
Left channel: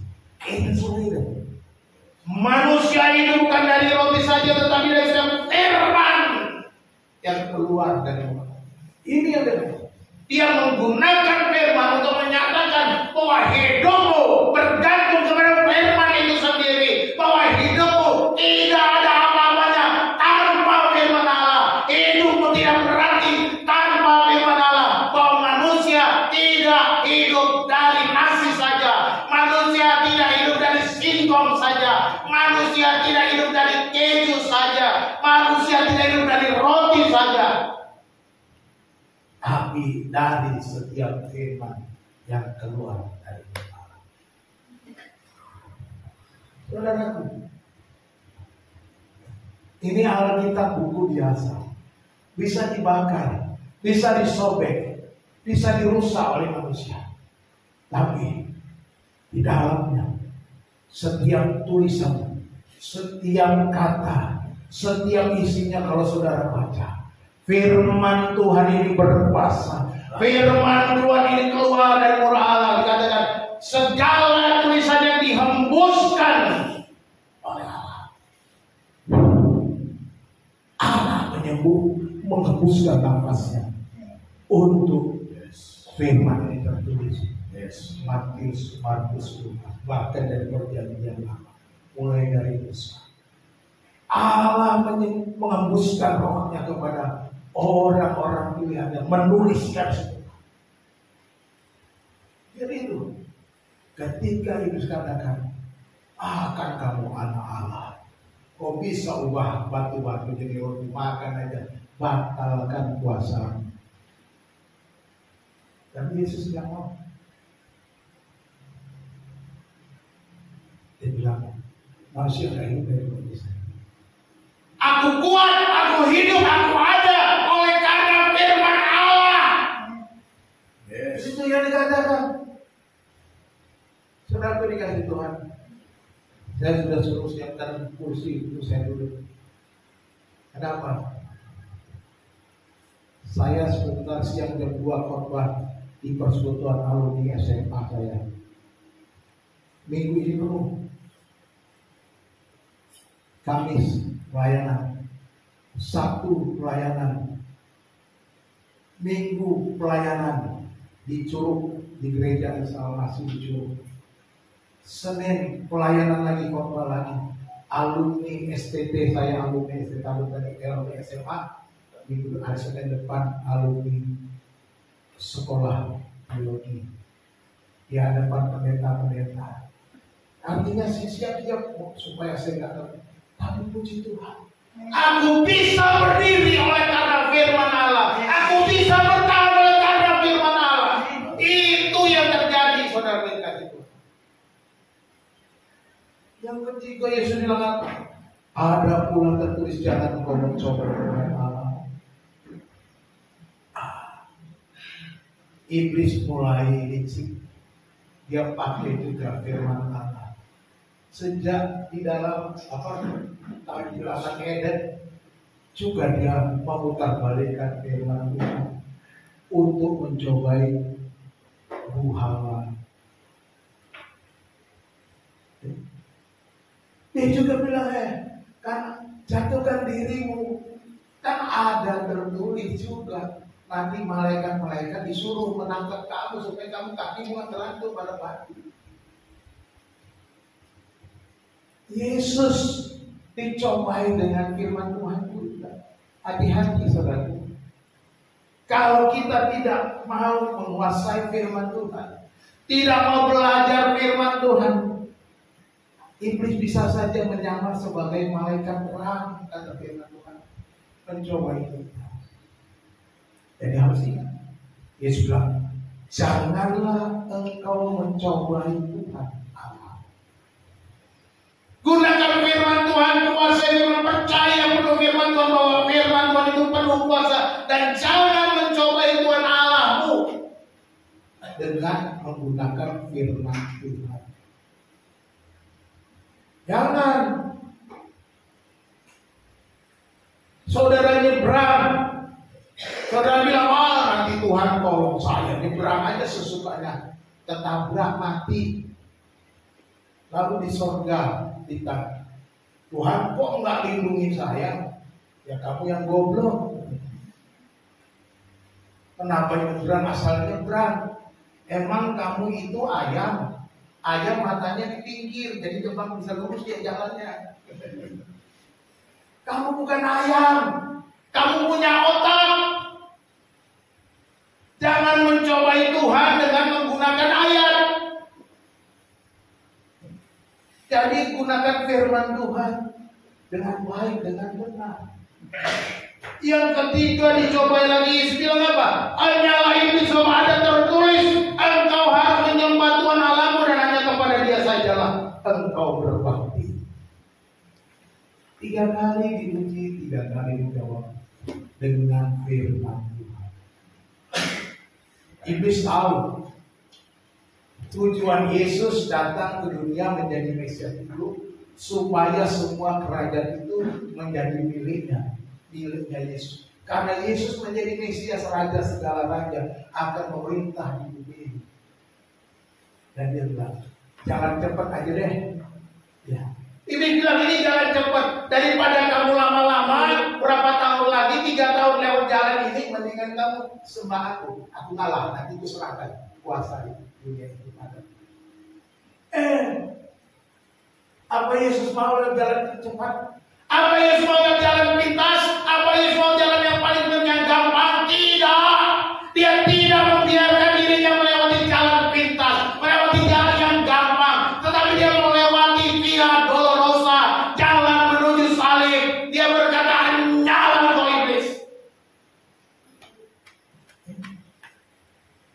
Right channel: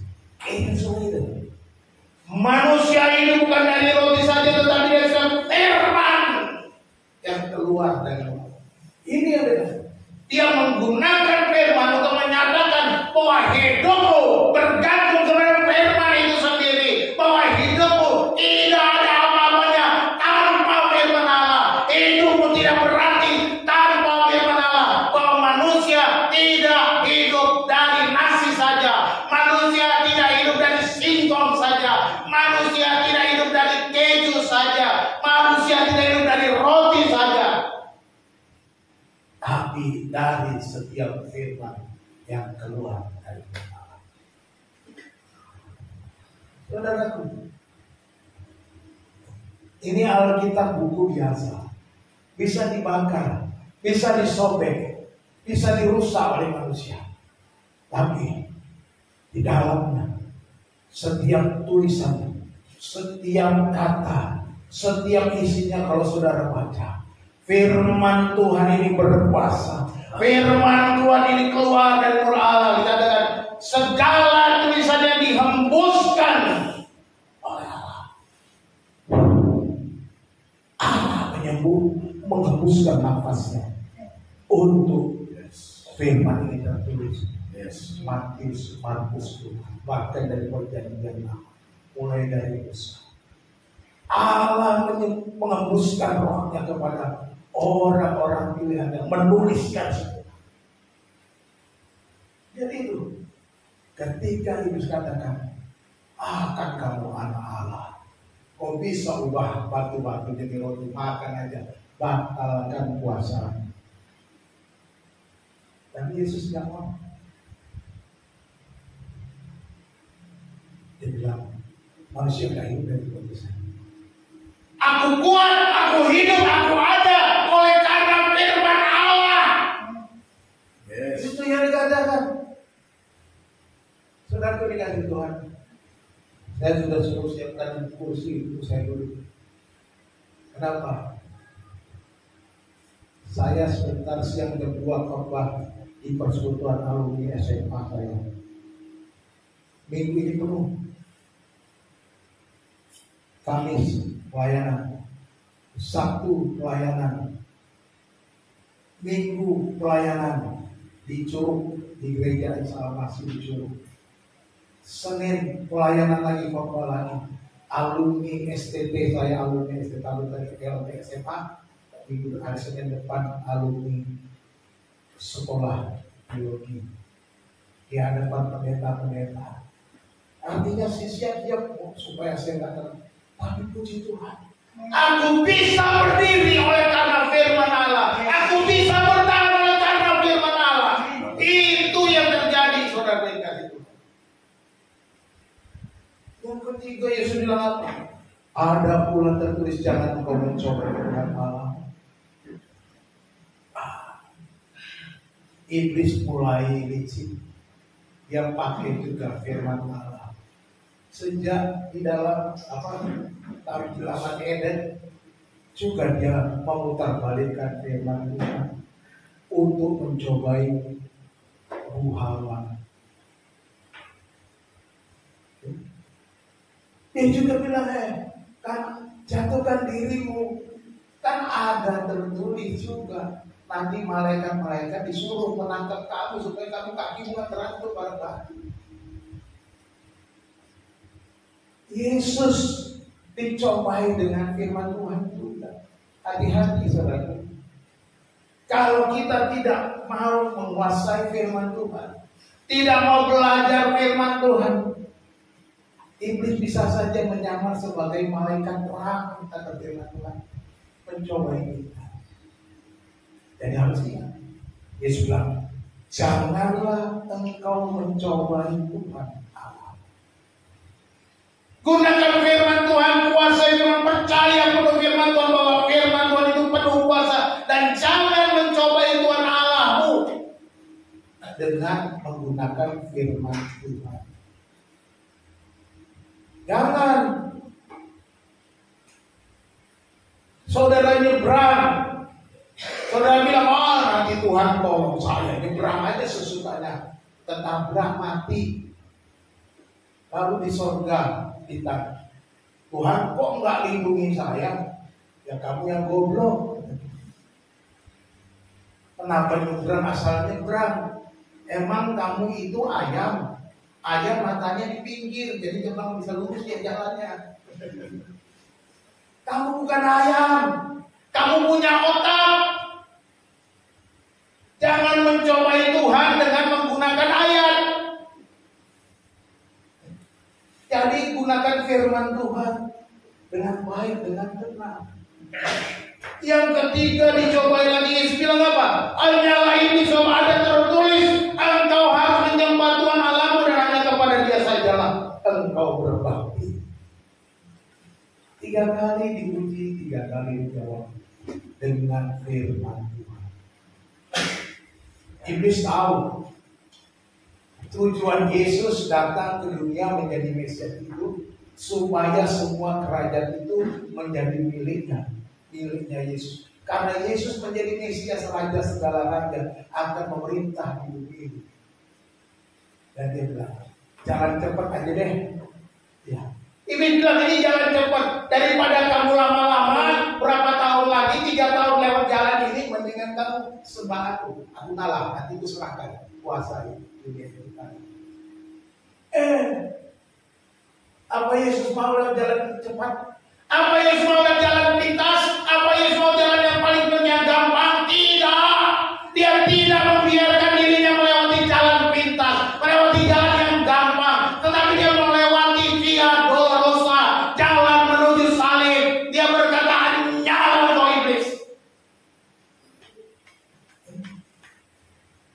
manusia hidup bukan dari roti saja, tetapi dari setiap firman yang keluar dari mulut. Ini yang dia menggunakan firman untuk menyatakan bahwa hidupmu bergantung kepada firman itu sendiri, bahwa hidupmu tidak ada apa-apanya tanpa firman Allah. Hidupmu tidak berarti tanpa firman Allah, bahwa manusia tidak hidup dari nasi saja, manusia tidak hidup dari singkong saja, manusia tidak hidup dari keju saja, manusia tidak hidup dari roti saja, tapi dari setiap firman yang keluar dari Allah. Saudaraku, ini Alkitab buku biasa, bisa dibakar, bisa disobek, bisa dirusak oleh manusia. Tapi di dalamnya setiap tulisan, setiap kata, setiap isinya kalau saudara baca, firman Tuhan ini berkuasa. Firman Tuhan ini keluar dari mulut Allah. Dikatakan segala tulisannya dihembuskan oleh Allah. Allah menghembuskan nafasnya untuk firman ini tertulis. Matius, Markus, bahkan dari perjanjian lama, mulai dari Musa. Allah menghembuskan rohnya kepada orang-orang pilihan yang menuliskan semua. Jadi itu, ketika Yesus katakan, akan kamu anak Allah, kau bisa ubah batu-batu jadi roti, makan aja, batalkan puasa. Dan Yesus tidak mau. Dia bilang, manusia tidak hidup dari roti saja. Aku kuat, aku hidup, aku ada oleh karena firman Allah. Itu yang dikatakan. Saudaraku dikasih Tuhan, saya sudah suruh siapkan kursi untuk saya duduk. Kenapa? Saya sebentar siang jam 2 khotbah di persekutuan alumni SMA saya. Minggu ini penuh. Kamis pelayanan, Sabtu pelayanan, Minggu pelayanan di Curug, di gereja Salmasi di Curug. Senin pelayanan lagi, khotbah lagi. Alumni STT, saya alumni STT alumni SMA. Minggu hari Senin depan alumni sekolah biologi di hadapan pendeta-pendeta. Artinya saya siap-siap supaya saya nggak tahu. Tapi puji Tuhan, aku bisa berdiri oleh karena firman Allah. Aku bisa bertahan oleh karena firman Allah. Itu yang terjadi, saudara yang kasih Tuhan. Yang ketiga, Yesus bilang apa? Ada pula tertulis, jangan engkau mencoba dengan Allah. Iblis mulai licik. Dia pakai juga firman Allah. Sejak di dalam di Taman Eden juga dia memutarbalikkan firman Tuhan untuk mencobai buah Hawa. Dia juga bilang, kan jatuhkan dirimu, kan ada tertulis juga. Nanti malaikat-malaikat disuruh menangkap kamu supaya kamu kakimu nggak terantuk pada batu. Yesus dicobai dengan firman Tuhan juga. Hati-hati saudara. Kalau kita tidak mau menguasai firman Tuhan, tidak mau belajar firman Tuhan, iblis bisa saja menyamar sebagai malaikat terang, kata firman Tuhan, mencobai kita. Jadi harus ingat, Yesus bilang, janganlah engkau mencobai Tuhan. Gunakan firman Tuhan, kuasai firman, percaya penuh firman Tuhan bahwa firman Tuhan itu penuh kuasa, dan jangan mencobai Tuhan Allahmu dengan menggunakan firman Tuhan. Jangan Saudara nyebrang, saudara bilang, oh nanti Tuhan tolong saya, nyebrang aja sesukanya, ketabrak mati. Lalu di sorga ditanya, Tuhan kok nggak lindungi saya? Ya kamu yang goblok. Kenapa nyebrang asal nyebrang? Emang kamu itu ayam? Ayam matanya di pinggir, jadi kembang bisa lurus dia jalannya. Kamu bukan ayam, kamu punya otak. Jangan mencobai Tuhan dengan menggunakan ayat. Jadi gunakan firman Tuhan dengan baik, dengan benar. Yang ketiga dicobai lagi, Yesus bilang apa? Hanyalah itu sama ada tertulis, engkau harus menyembah Tuhan Allahmu dan hanya kepada Dia sajalah engkau berbakti. 3 kali diuji, 3 kali dijawab dengan firman Tuhan. Iblis tahu tujuan Yesus datang ke dunia menjadi Mesias itu supaya semua kerajaan itu menjadi miliknya Yesus. Karena Yesus menjadi Mesias, Raja segala raja, akan memerintah di bumi ini. Dan dia bilang, jangan cepat aja deh. Ya. Iblis bilang ini jangan cepat, daripada kamu lama-lama berapa tahun lagi, 3 tahun lewat jalan ini, mendingan kamu sembah aku kalah, nanti aku serahkan kuasa dunia itu. Apa Yesus mau jalan cepat? Apa Yesus mau jalan pintas? Apa Yesus mau jalan yang paling gampang? Tidak. Dia tidak membiarkan dirinya melewati jalan pintas, melewati jalan yang gampang, tetapi dia melewati via dolorosa, jalan menuju salib. Dia berkata, nyala kau iblis.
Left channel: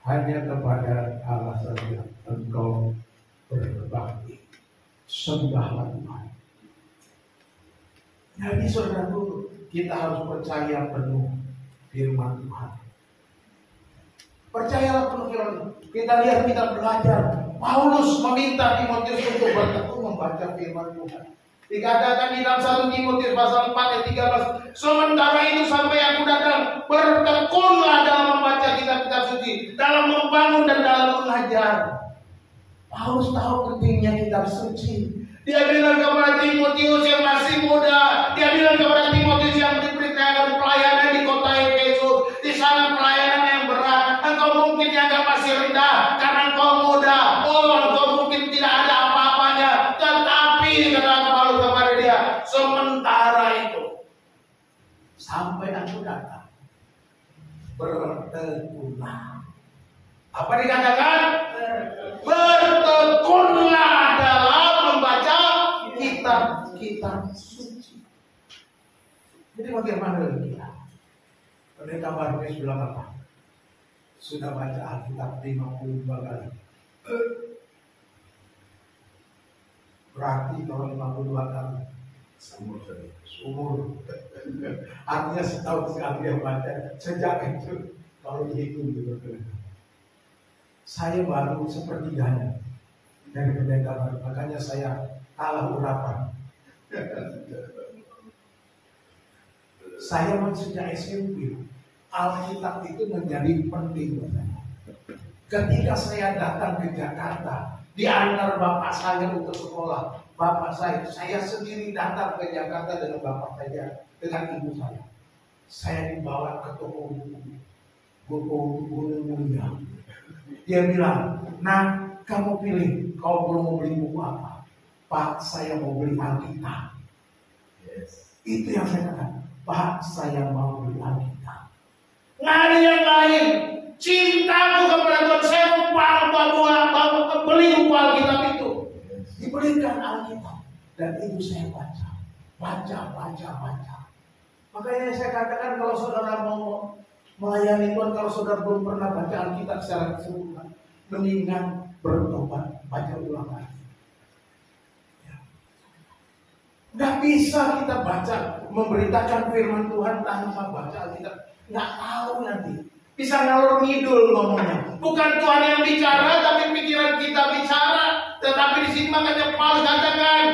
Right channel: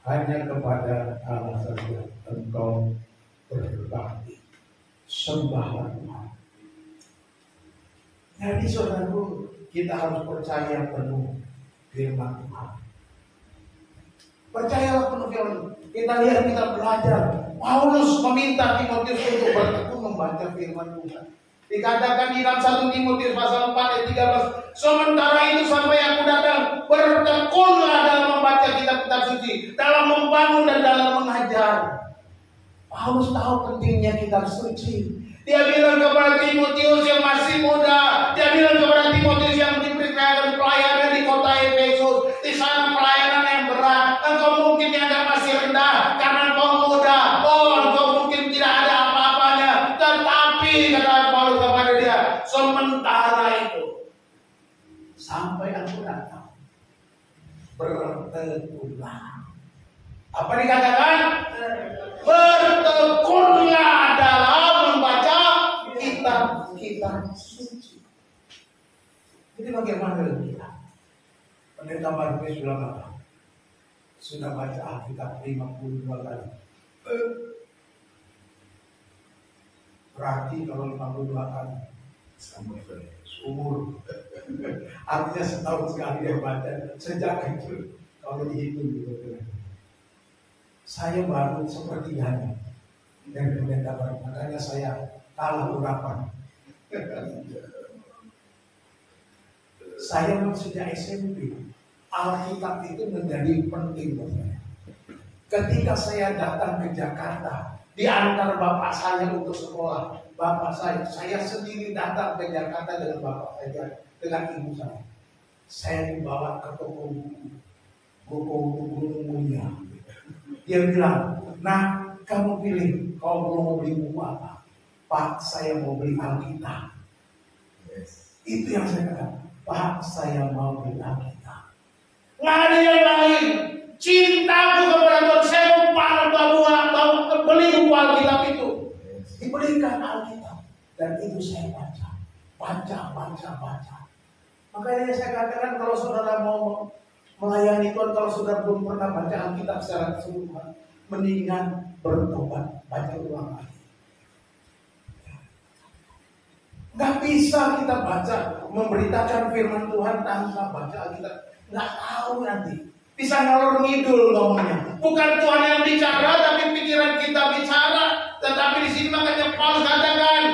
Hanya kepada Allah saja engkau berbakti. Sembahlah Tuhan. Jadi saudaraku, kita harus percaya penuh firman Tuhan. Percayalah penuh firman. Kita lihat, kita belajar. Paulus meminta Timotius untuk bertekun membaca firman Tuhan. Dikatakan di dalam 1 Timotius pasal 4 ayat 13, sementara itu sampai aku datang, bertekunlah dalam membaca kitab-kitab suci, dalam membangun dan dalam mengajar. Paulus tahu pentingnya kitab suci. Dia bilang kepada Timotius yang masih muda, dia bilang kepada Timotius yang diberikan pelayanan di kota Efesus, di sana pelayanan yang berat. Engkau mungkin dianggap masih rendah karena engkau muda. Engkau mungkin tidak ada apa-apanya. Tetapi kata Paulus kepada dia, sementara itu sampai aku datang, bertekunlah. Apa dikatakan? Bertekunlah dalam membaca kitab suci. Jadi bagaimana kita? Pendeta Barnabas bilang apa? Sudah baca Alkitab 52 kali. Berarti kalau 52 kali umur. Artinya setahun sekali dia baca. Sejak itu kalau dihitung gitu. Saya baru sepertiganya dari pendeta baru, makanya saya kalah urapan. Saya sejak SMP, Alkitab itu menjadi penting buat saya. Ketika saya datang ke Jakarta, diantar bapak saya untuk sekolah, bapak saya sendiri datang ke Jakarta dengan bapak saya, dengan ibu saya. Saya dibawa ke toko buku mulia. Dia bilang, nah kamu pilih, kau belum mau beli buku apa? Pak, saya mau beli Alkitab. Yes. Itu yang saya katakan, Pak, saya mau beli Alkitab. Nggak ada yang lain. Cintaku kepada Tuhan, saya mau beli buku Alkitab itu. Yes. Dibelikan Alkitab. Dan itu saya baca. Makanya saya katakan kalau saudara mau melayani Tuhan, kalau saudara belum pernah baca Alkitab secara keseluruhan, mendingan bertobat, baca ulang lagi. Gak bisa kita baca, memberitakan firman Tuhan tanpa baca Alkitab. Gak tahu nanti, bisa ngalor ngidul ngomongnya. Bukan Tuhan yang bicara, tapi pikiran kita bicara. Tetapi di sini makanya Paulus katakan,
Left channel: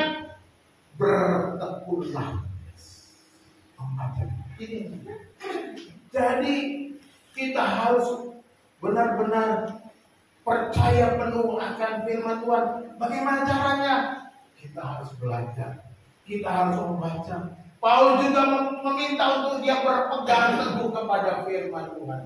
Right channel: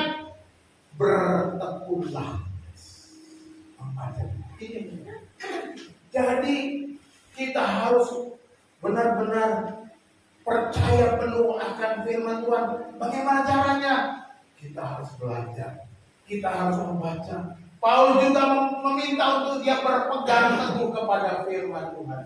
bertekunlah membaca. Ini. Jadi kita harus benar-benar percaya penuh akan firman Tuhan. Bagaimana caranya? Kita harus belajar. Kita harus membaca. Paulus juga meminta untuk dia berpegang teguh kepada firman Tuhan.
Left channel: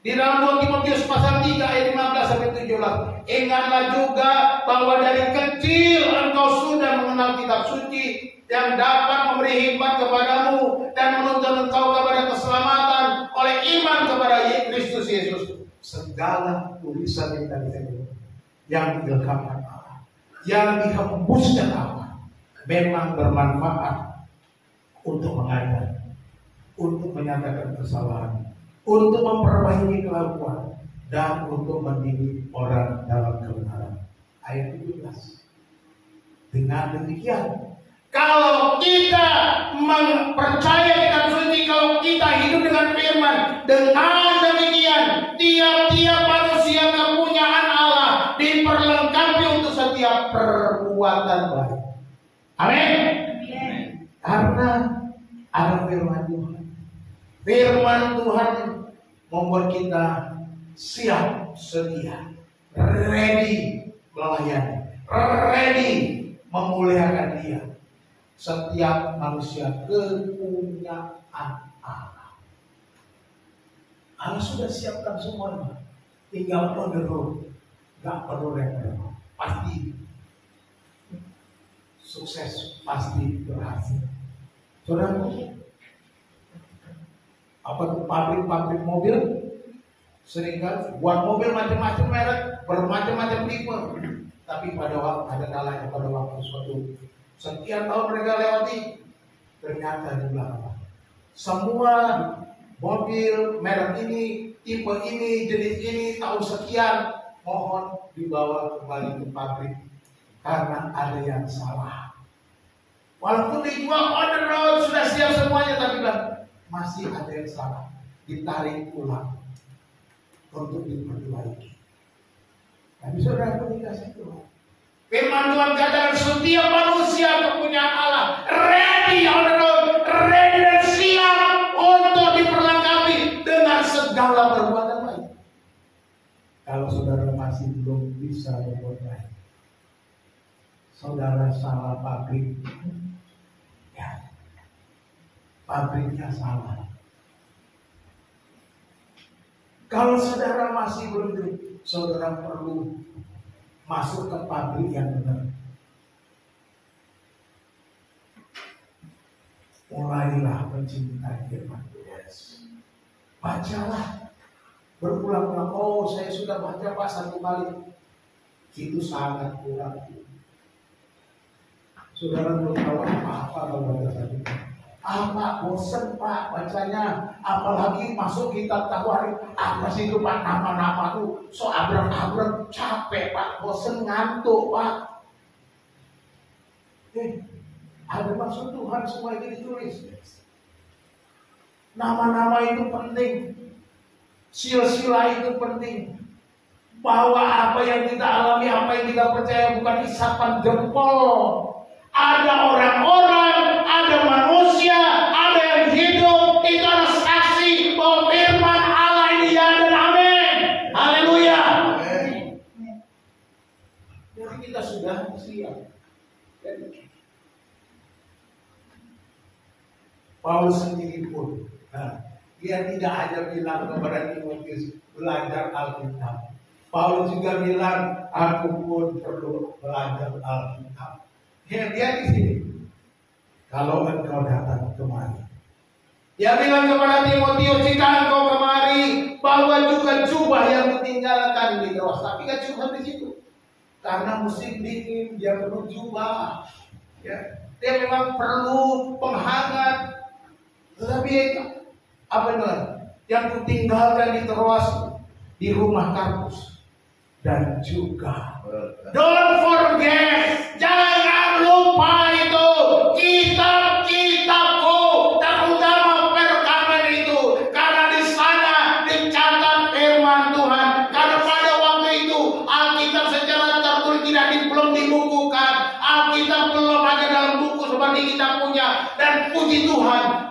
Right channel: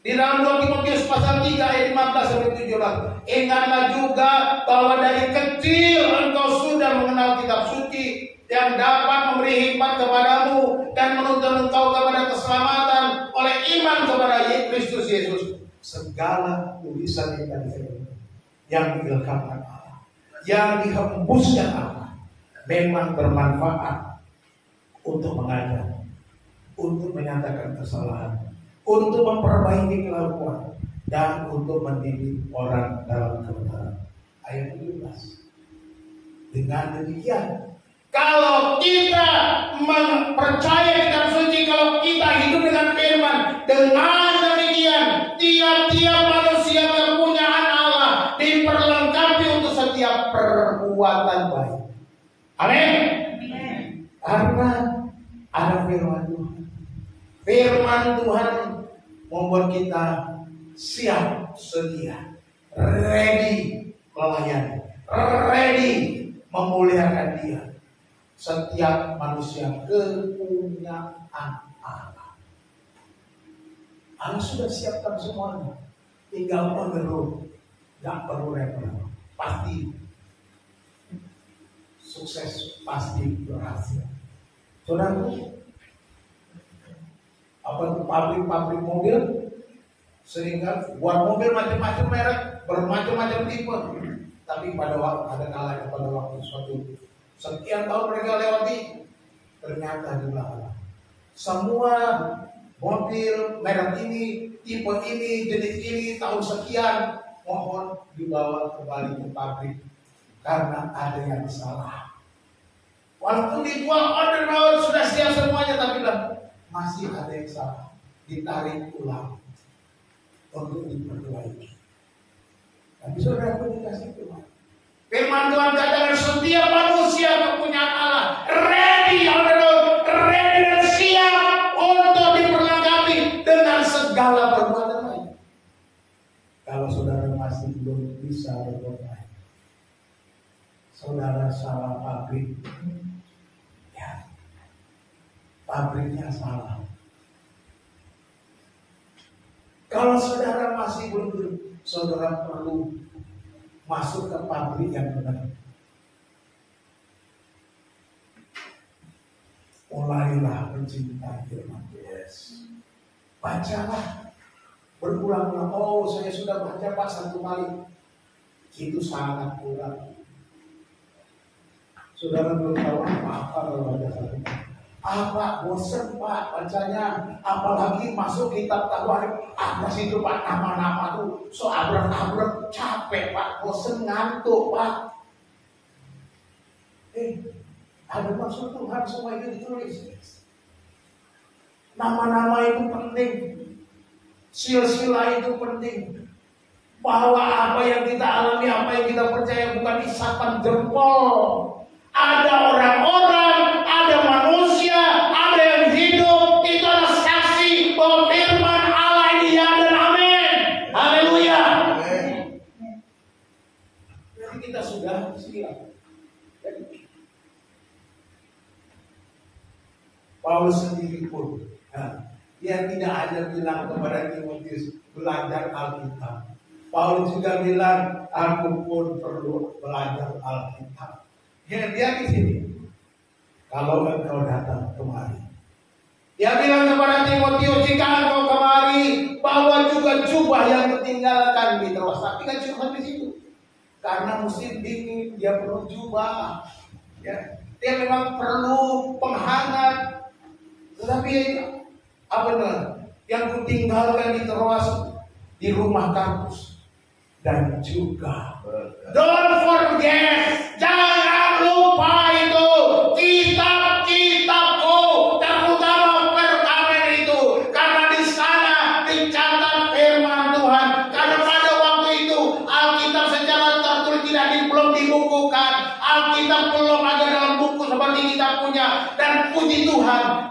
Di dalam 2 Timotius pasal 3 ayat 15 sampai 17. Ingatlah juga bahwa dari kecil engkau sudah mengenal kitab suci yang dapat memberi hikmat kepadamu dan menuntun engkau kepada keselamatan oleh iman kepada Kristus Yesus. Segala tulisan yang diilhamkan Allah, yang dihembuskan Allah, memang bermanfaat untuk mengajar, untuk menyatakan kesalahan, untuk memperbaiki kelakuan, dan untuk mendidik orang dalam kebenaran. Ayat 17. Dengan demikian, kalau kita mempercaya kitab suci, kalau kita hidup dengan firman, dengan demikian tiap-tiap manusia kepunyaan Allah diperlengkapi untuk setiap perbuatan baik. Amin. Karena ada firman Tuhan. Firman Tuhan membuat kita siap sedia, ready melayani, ready memuliakan Dia. Setiap manusia kepunyaan Allah. Allah sudah siapkan semuanya. Tinggal on the road. Gak perlu repot. Pasti sukses, pasti berhasil. Saudaraku, apa itu pabrik mobil? Sering kan buat mobil macam-macam merek, bermacam-macam tipe. Tapi pada waktu ada kalanya, pada waktu suatu sekian tahun mereka lewati, ternyata di belakang semua mobil merek ini, tipe ini, jenis ini, tahun sekian, mohon dibawa kembali ke pabrik karena ada yang salah. Walaupun dijual on the road sudah siap semuanya, tapi masih ada yang salah, ditarik ulang untuk diperbaiki. Tapi saudara dikasih Tuhan. Firman Tuhan katakan setiap manusia kepunyaan Allah, ready on the road, ready dan siap untuk diperlengkapi dengan segala perbuatan baik. Kalau saudara masih belum bisa berbuat baik, saudara salah pabrik, ya, pabriknya salah. Kalau saudara masih belum, saudara perlu masuk ke pabrik yang benar. Mulailah mencintai firman Tuhan. Bacalah berulang-ulang. Oh, saya sudah baca Pak 1 kali. Itu sangat kurang. Saudara belum tahu apa-apa kalau baca 1 kali. Pak, bosan Pak bacanya, apalagi masuk kitab Tawarikh. Apa sih itu Pak, nama-nama tuh so abrak-abrak, capek Pak, bosan, ngantuk Pak. Ada maksud Tuhan semua itu ditulis. Nama-nama itu penting, silsilah itu penting. Bahwa apa yang kita alami, apa yang kita percaya bukan isapan jempol. Ada orang-orang, ada manusia, ada yang hidup, itu adalah saksi bahwa firman Allah ini ya dan amin. Haleluya. Jadi kita sudah siap. Paulus sendiri pun, dia tidak hanya bilang kepada Timotius belajar Alkitab. Paulus juga bilang, aku pun perlu belajar Alkitab. Dia di sini. Kalau engkau datang kemari, dia bilang kepada Timotius, jika engkau kemari, bawa juga jubah yang tertinggalkan di Troas. Tapi kan cuma di situ, karena musim dingin, dia perlu jubah. Ya, dia memang perlu penghangat. Tetapi apa namanya? Yang kutinggalkan di Troas, di rumah Karpus, dan juga don't forget, jangan lupa itu kitab-kitabku, terutama perkawinan itu, karena di sana dicatat firman Tuhan. Karena pada waktu itu Alkitab secara tertulis belum dibukukan, Alkitab belum ada dalam buku seperti kita punya. Dan puji Tuhan,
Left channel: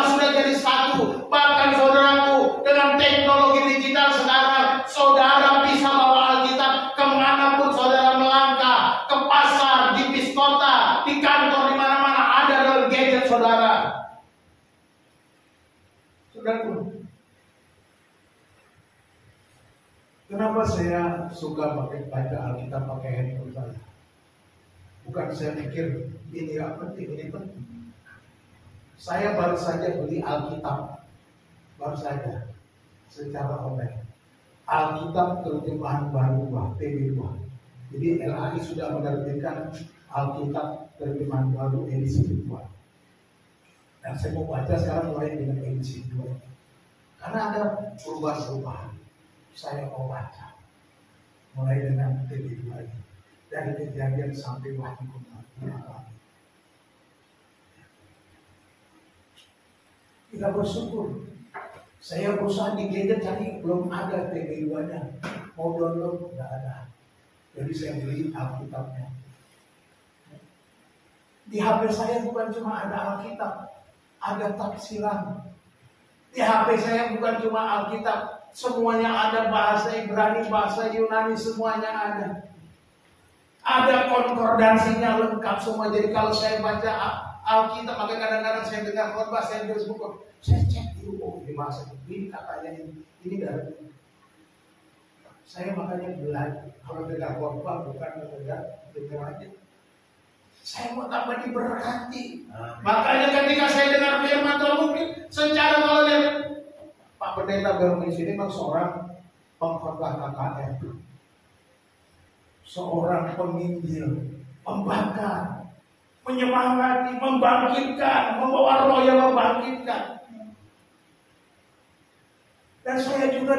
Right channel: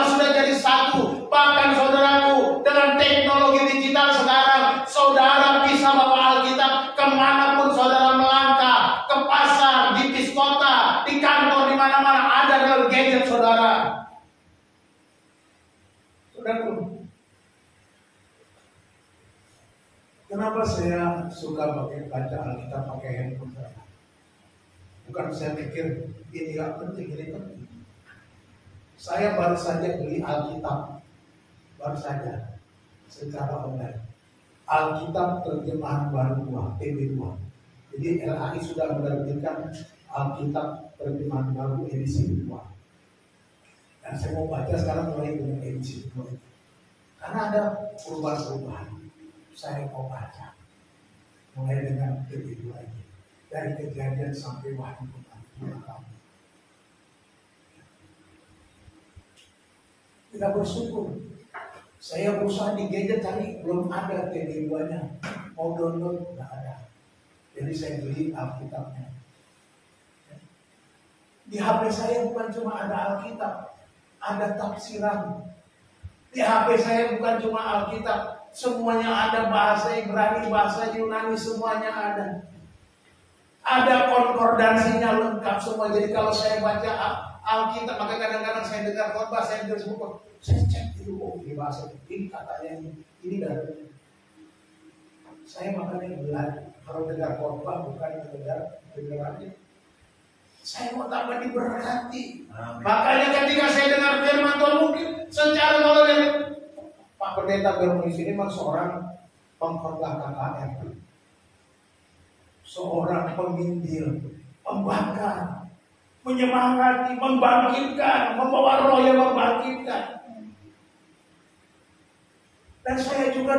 semua sudah jadi satu. Bahkan saudaraku, dengan teknologi digital sekarang, saudara bisa bawa Alkitab kemanapun saudara melangkah, ke pasar, di bis kota, di kantor, di mana-mana ada dalam gadget saudara. Saudaraku, kenapa saya suka baca Alkitab pakai handphone saya? Bukan saya pikir ini gak penting, ini penting. Saya baru saja beli Alkitab, baru saja, secara online. Alkitab terjemahan baru 2, TB2. Jadi LAI sudah menerbitkan Alkitab terjemahan baru edisi 2. Dan saya mau baca sekarang mulai dengan edisi 2. Karena ada perubahan-perubahan. Saya mau baca mulai dengan TB2 ini. Dari Kejadian sampai Wahyu kemarin. Kita bersyukur. Saya berusaha di gadget cari, belum ada TB2-nya. Mau download, nggak ada. Jadi saya beli Alkitabnya. Di HP saya bukan cuma ada Alkitab, ada tafsiran. Di HP saya bukan cuma Alkitab, semuanya ada, bahasa Ibrani, bahasa Yunani, semuanya ada. Ada konkordansinya lengkap semua. Jadi kalau saya baca Alkitab, maka kadang-kadang saya dengar khotbah, saya tersebut, saya cek itu, oh ini bahasa ini katanya ini dari. Saya makanya belajar kalau dengar khotbah bukan dengar aja. Saya mau tambah diberkati. Makanya ketika saya dengar firman Tuhan, mungkin secara kalau dia Pak Pendeta Bermuis ini memang seorang pengkhotbah KKR. Seorang penginjil, pembakar, menyemangati, membangkitkan, membawa roh yang membangkitkan. Dan saya juga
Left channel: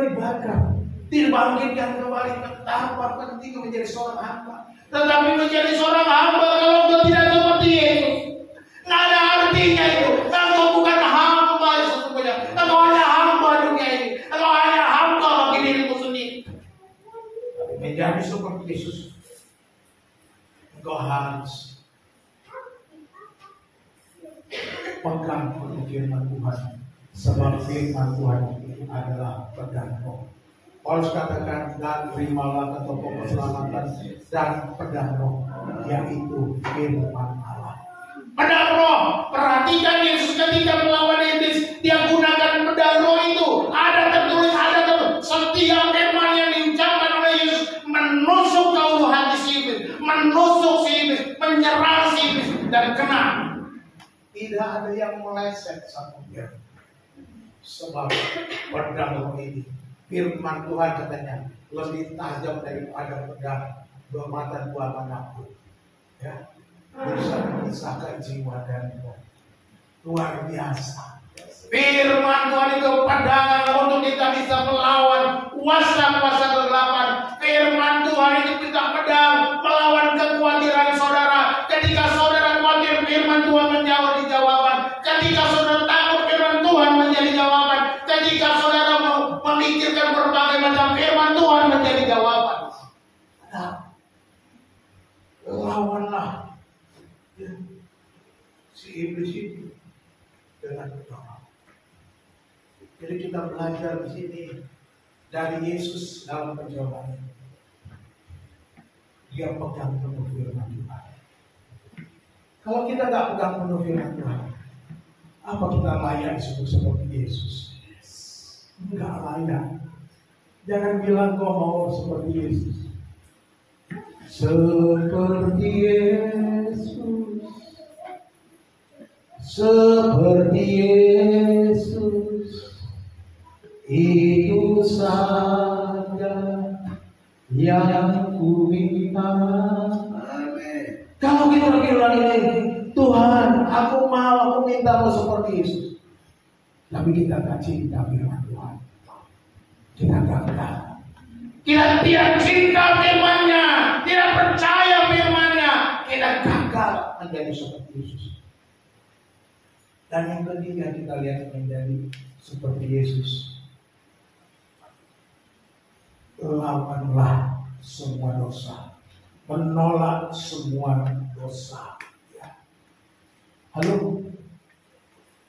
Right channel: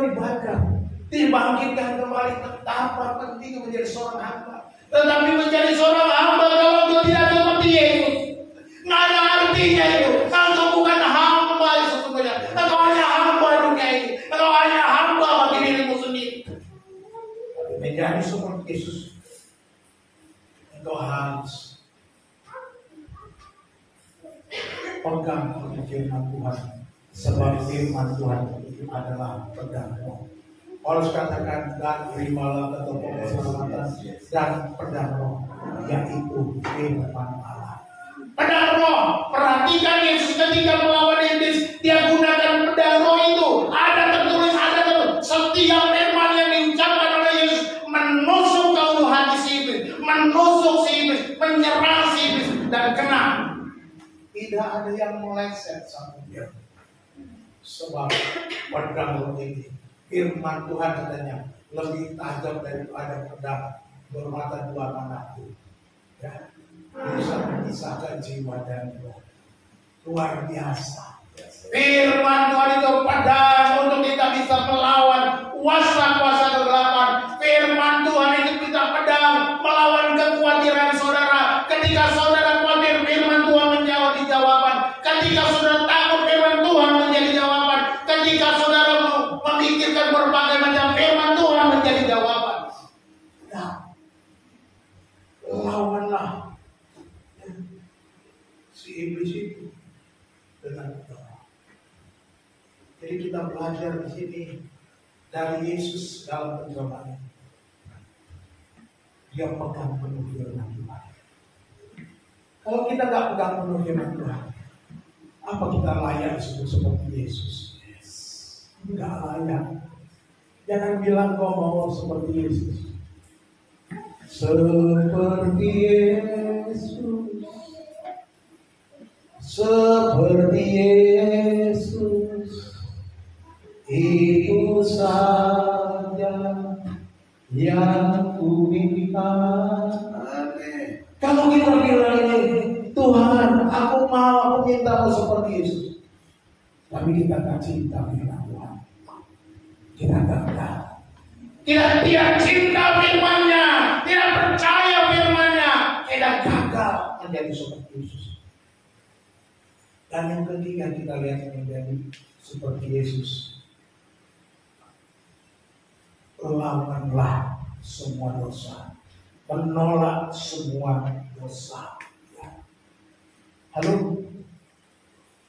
dibangkitkan kembali. Betapa penting menjadi seorang hamba. Tetapi menjadi seorang hamba kalau engkau tidak seperti Yesus, nggak ada artinya itu. Engkau bukan hamba sesungguhnya. Engkau hanya hamba dunia ini. Engkau hanya hamba bagi dirimu sendiri. Menjadi seperti Yesus, engkau harus pegang firman Tuhan, sebab firman Tuhan itu adalah pedang roh. Paulus katakan, dan terimalah ketopong keselamatan dan pedang roh, yaitu firman Allah. Pedang roh, perhatikan Yesus ketika melawan iblis, dia gunakan pedang roh itu. Ada tertulis, setiap firman yang diucapkan oleh Yesus menusuk ke ulu hati si iblis, menusuk si iblis, menyerang si iblis, dan kena. Tidak ada yang meleset sama dia. Sebab pedang roh ini, firman Tuhan katanya, lebih tajam daripada pedang bermata dua manapun. Ya, bisa memisahkan jiwa dan roh. Luar biasa. Firman Tuhan itu pedang untuk kita bisa melawan kuasa-kuasa kegelapan. Firman Tuhan itu bisa pedang melawan kekhawatiran saudara. Ketika saudara khawatir, firman Tuhan menjadi jawaban. Ketika saudara takut, firman Tuhan menjadi jawaban. Ketika saudara memikirkan berbagai macam, firman Tuhan menjadi jawaban. Nah, lawanlah si iblis itu dengan pedang. Jadi kita belajar di sini dari Yesus dalam pencobaan. Dia pegang penuh firman Tuhan. Kalau kita nggak pegang penuh firman Tuhan, apa kita layak disebut seperti Yesus? Enggak layak. Jangan bilang kau mau seperti Yesus. Seperti Yesus. Seperti Yesus. Itu saja yang ku minta. Kalau kita bilang ini, Tuhan, aku minta seperti Yesus, tapi kita tak cinta firman Tuhan, kita gagal. Kita tidak cinta firman-Nya, tidak percaya firman-Nya, kita gagal menjadi seperti Yesus. Dan yang ketiga kita lihat menjadi seperti Yesus. Lawanlah semua dosa, menolak semua dosa. Ya. Halo,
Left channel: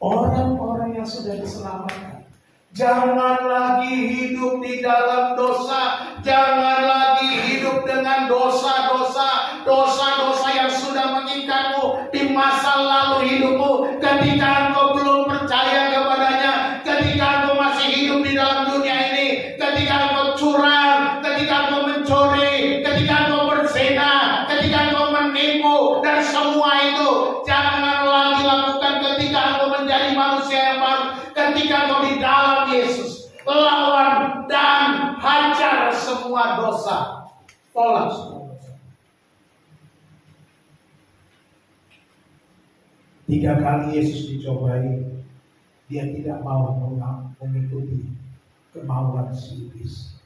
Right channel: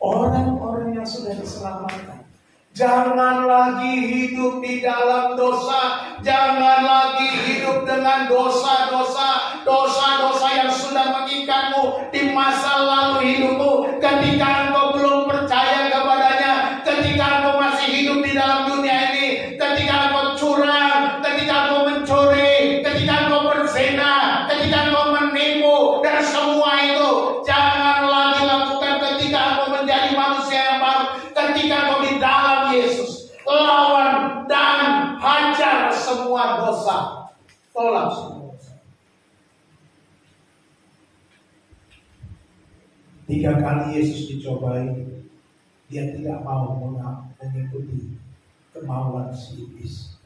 Orang-orang yang sudah diselamatkan, jangan lagi hidup di dalam dosa. Jangan lagi hidup dengan dosa-dosa yang sudah mengikatmu di masa lalu hidupmu. Ketika engkau belum percaya kepadanya, ketika engkau masih hidup di dalam dunia ini, ketika engkau curang, ketika engkau mencuri, ketika engkau berzina, ketika engkau menipu, dan semua itu jangan lagi lakukan. Ketika engkau menjadi manusia yang baru, ketika engkau di dalam Yesus, lawan dan hajar semua dosa, tolak semua dosa. 3 kali Yesus dicobai, dia tidak mau mengikuti kemauan si iblis.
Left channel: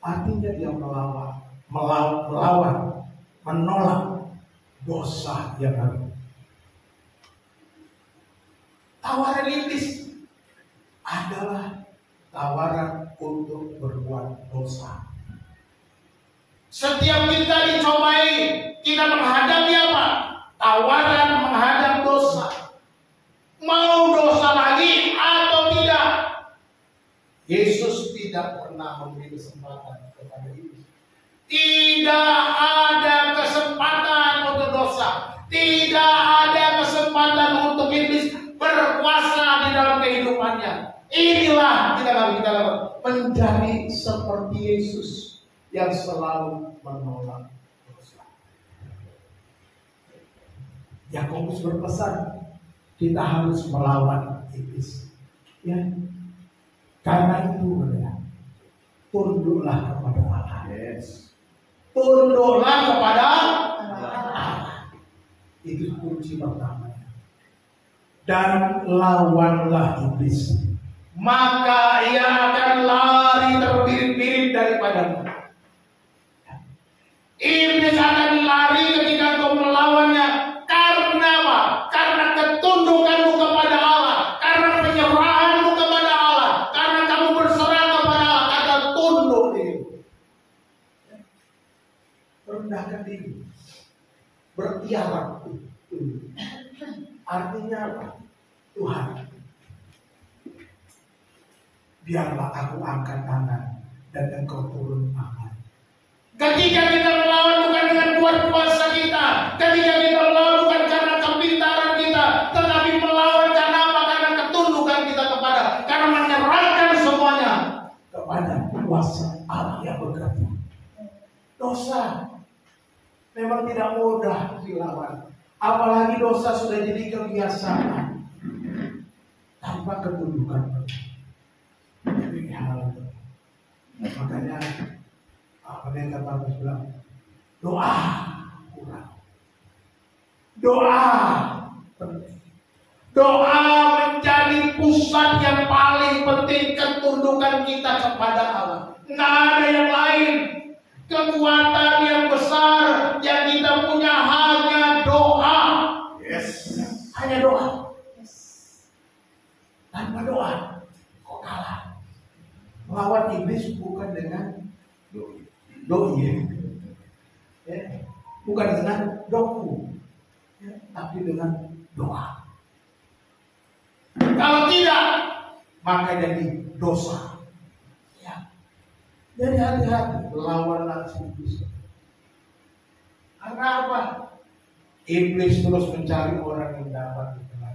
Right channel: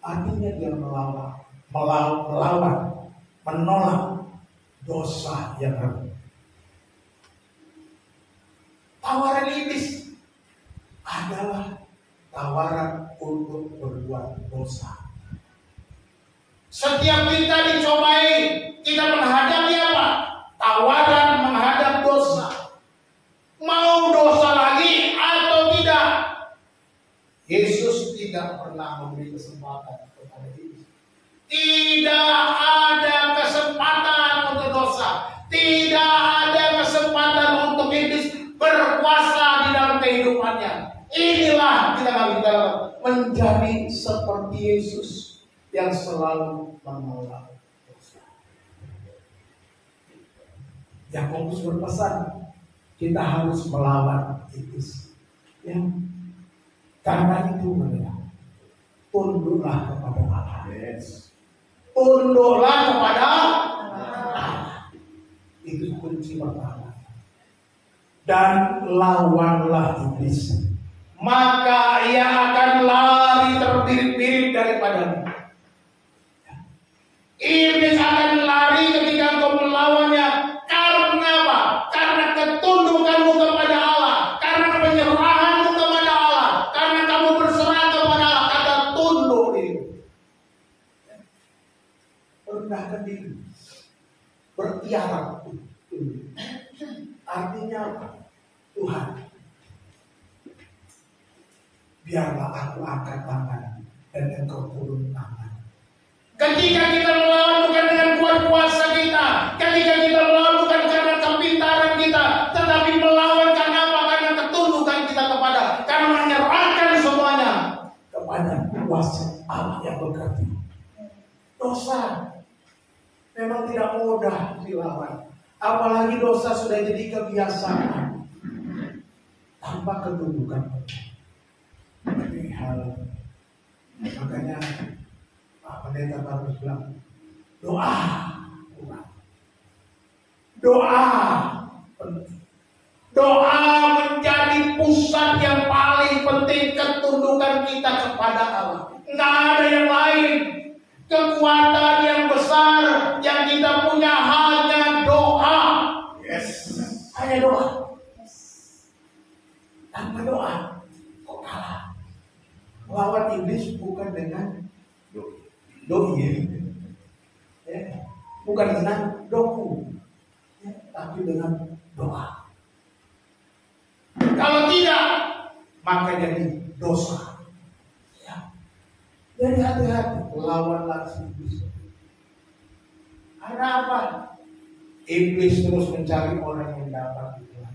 Artinya dia melawan, menolak dosa yang ada. Tawaran iblis adalah tawaran untuk berbuat dosa. Setiap kita dicobai, kita menghadapi apa? Tawaran menghadap dosa. Mau dosa lagi atau tidak? Yesus tidak pernah memberi kesempatan kepada iblis. Tidak ada kesempatan untuk dosa. Tidak ada kesempatan untuk iblis berkuasa di dalam kehidupannya. Inilah kita menjadi seperti Yesus yang selalu menolak dosa. Yakobus berpesan, kita harus melawan iblis. Ya, karena itu tunduklah kepada Allah. Yes. Tunduklah kepada Allah. Itu kunci pertama. Dan lawanlah iblis, maka ia akan lari terbirit-birit daripadanya. Iblis akan lari ketika engkau melawannya. Karena apa? Karena ketundukanmu kepada Allah, karena penyerahanmu kepada Allah, karena kamu berserah kepada Allah, kata tunduk diri. Rendahkan diri, bertiarap. Artinya apa? Tuhan, biarlah aku angkat tangan dan engkau turun tangan. Ketika kita melawan bukan dengan kuat kuasa kita, ketika kita melawan bukan karena kepintaran kita, tetapi melawan karena apa? Karena ketundukan kita karena menyerahkan semuanya kepada kuasa Allah yang bekerja. Dosa memang tidak mudah dilawan, apalagi dosa sudah jadi kebiasaan tanpa ketundukan. Makanya pendeta harus bilang, doa kurang, doa penting. Doa menjadi pusat yang paling penting ketundukan kita kepada Allah. Nggak ada yang lain. Kekuatan yang besar yang kita punya hanya doa. Yes. Hanya doa. Yes. Tanpa doa, kok kalah. Melawan iblis bukan dengan doi, ya. Bukan dengan doku, ya. Tapi dengan doa. Kalau tidak, maka jadi dosa. Ya. Jadi hati-hati, lawanlah iblis. Karena apa? Iblis terus mencari orang yang dapat ditelan.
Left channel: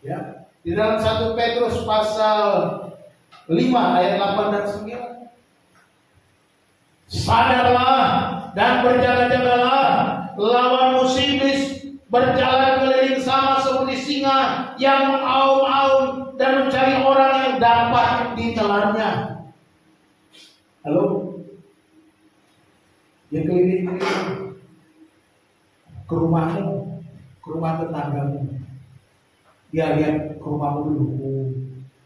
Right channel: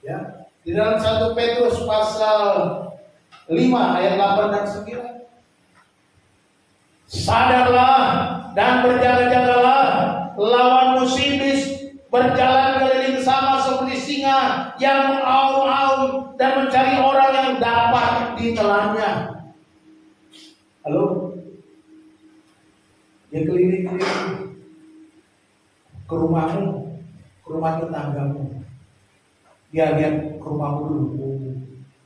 Ya, di dalam 1 Petrus pasal 5 ayat 8 dan 9. Sadarlah dan berjaga-jagalah, lawan musuh iblis berjalan keliling sama seperti singa yang mengaum-aum dan mencari orang yang dapat ditelannya. Halo? Dia keliling-keliling ke rumahmu, ke rumah tetanggamu. Dia lihat ke rumahmu dulu.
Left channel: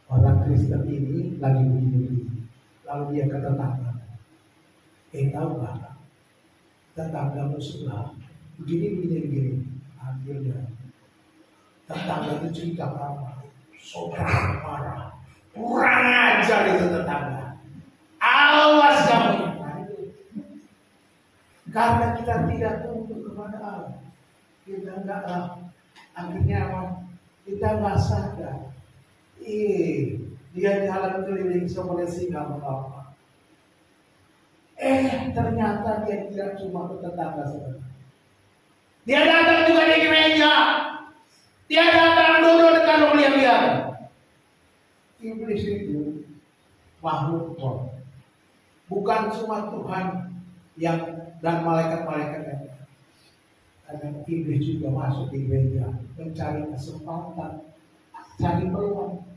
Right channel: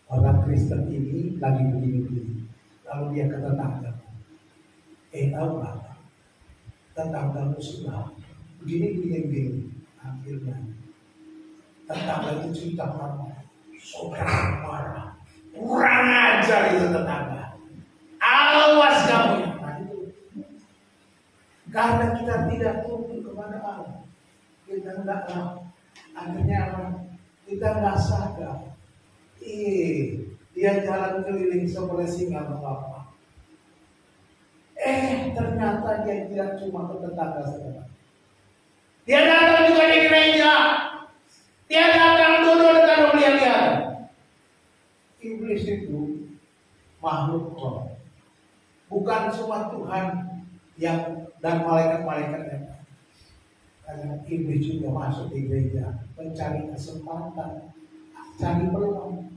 Orang Kristen ini lagi begini-begini. Lalu dia ke tetangga. Tahu nggak? Tetanggamu sebelah begini. Akhirnya tetangga itu cerita marah. Saudara marah. Kurang ajar itu tetangga. Awas kamu ya. Nah, itu. Karena kita tidak tunduk kepada Allah, kita enggaklah. Akhirnya apa? Kita nggak sadar. Dia jalan keliling seperti singa mengapa. Ternyata dia tidak cuma ke tetangga saudara. Dia datang juga di gereja. Dia datang duduk dekat rumah dia. Iblis itu makhluk roh. Bukan cuma Tuhan yang dan malaikat-malaikatnya. Karena iblis juga masuk di gereja mencari kesempatan, cari peluang.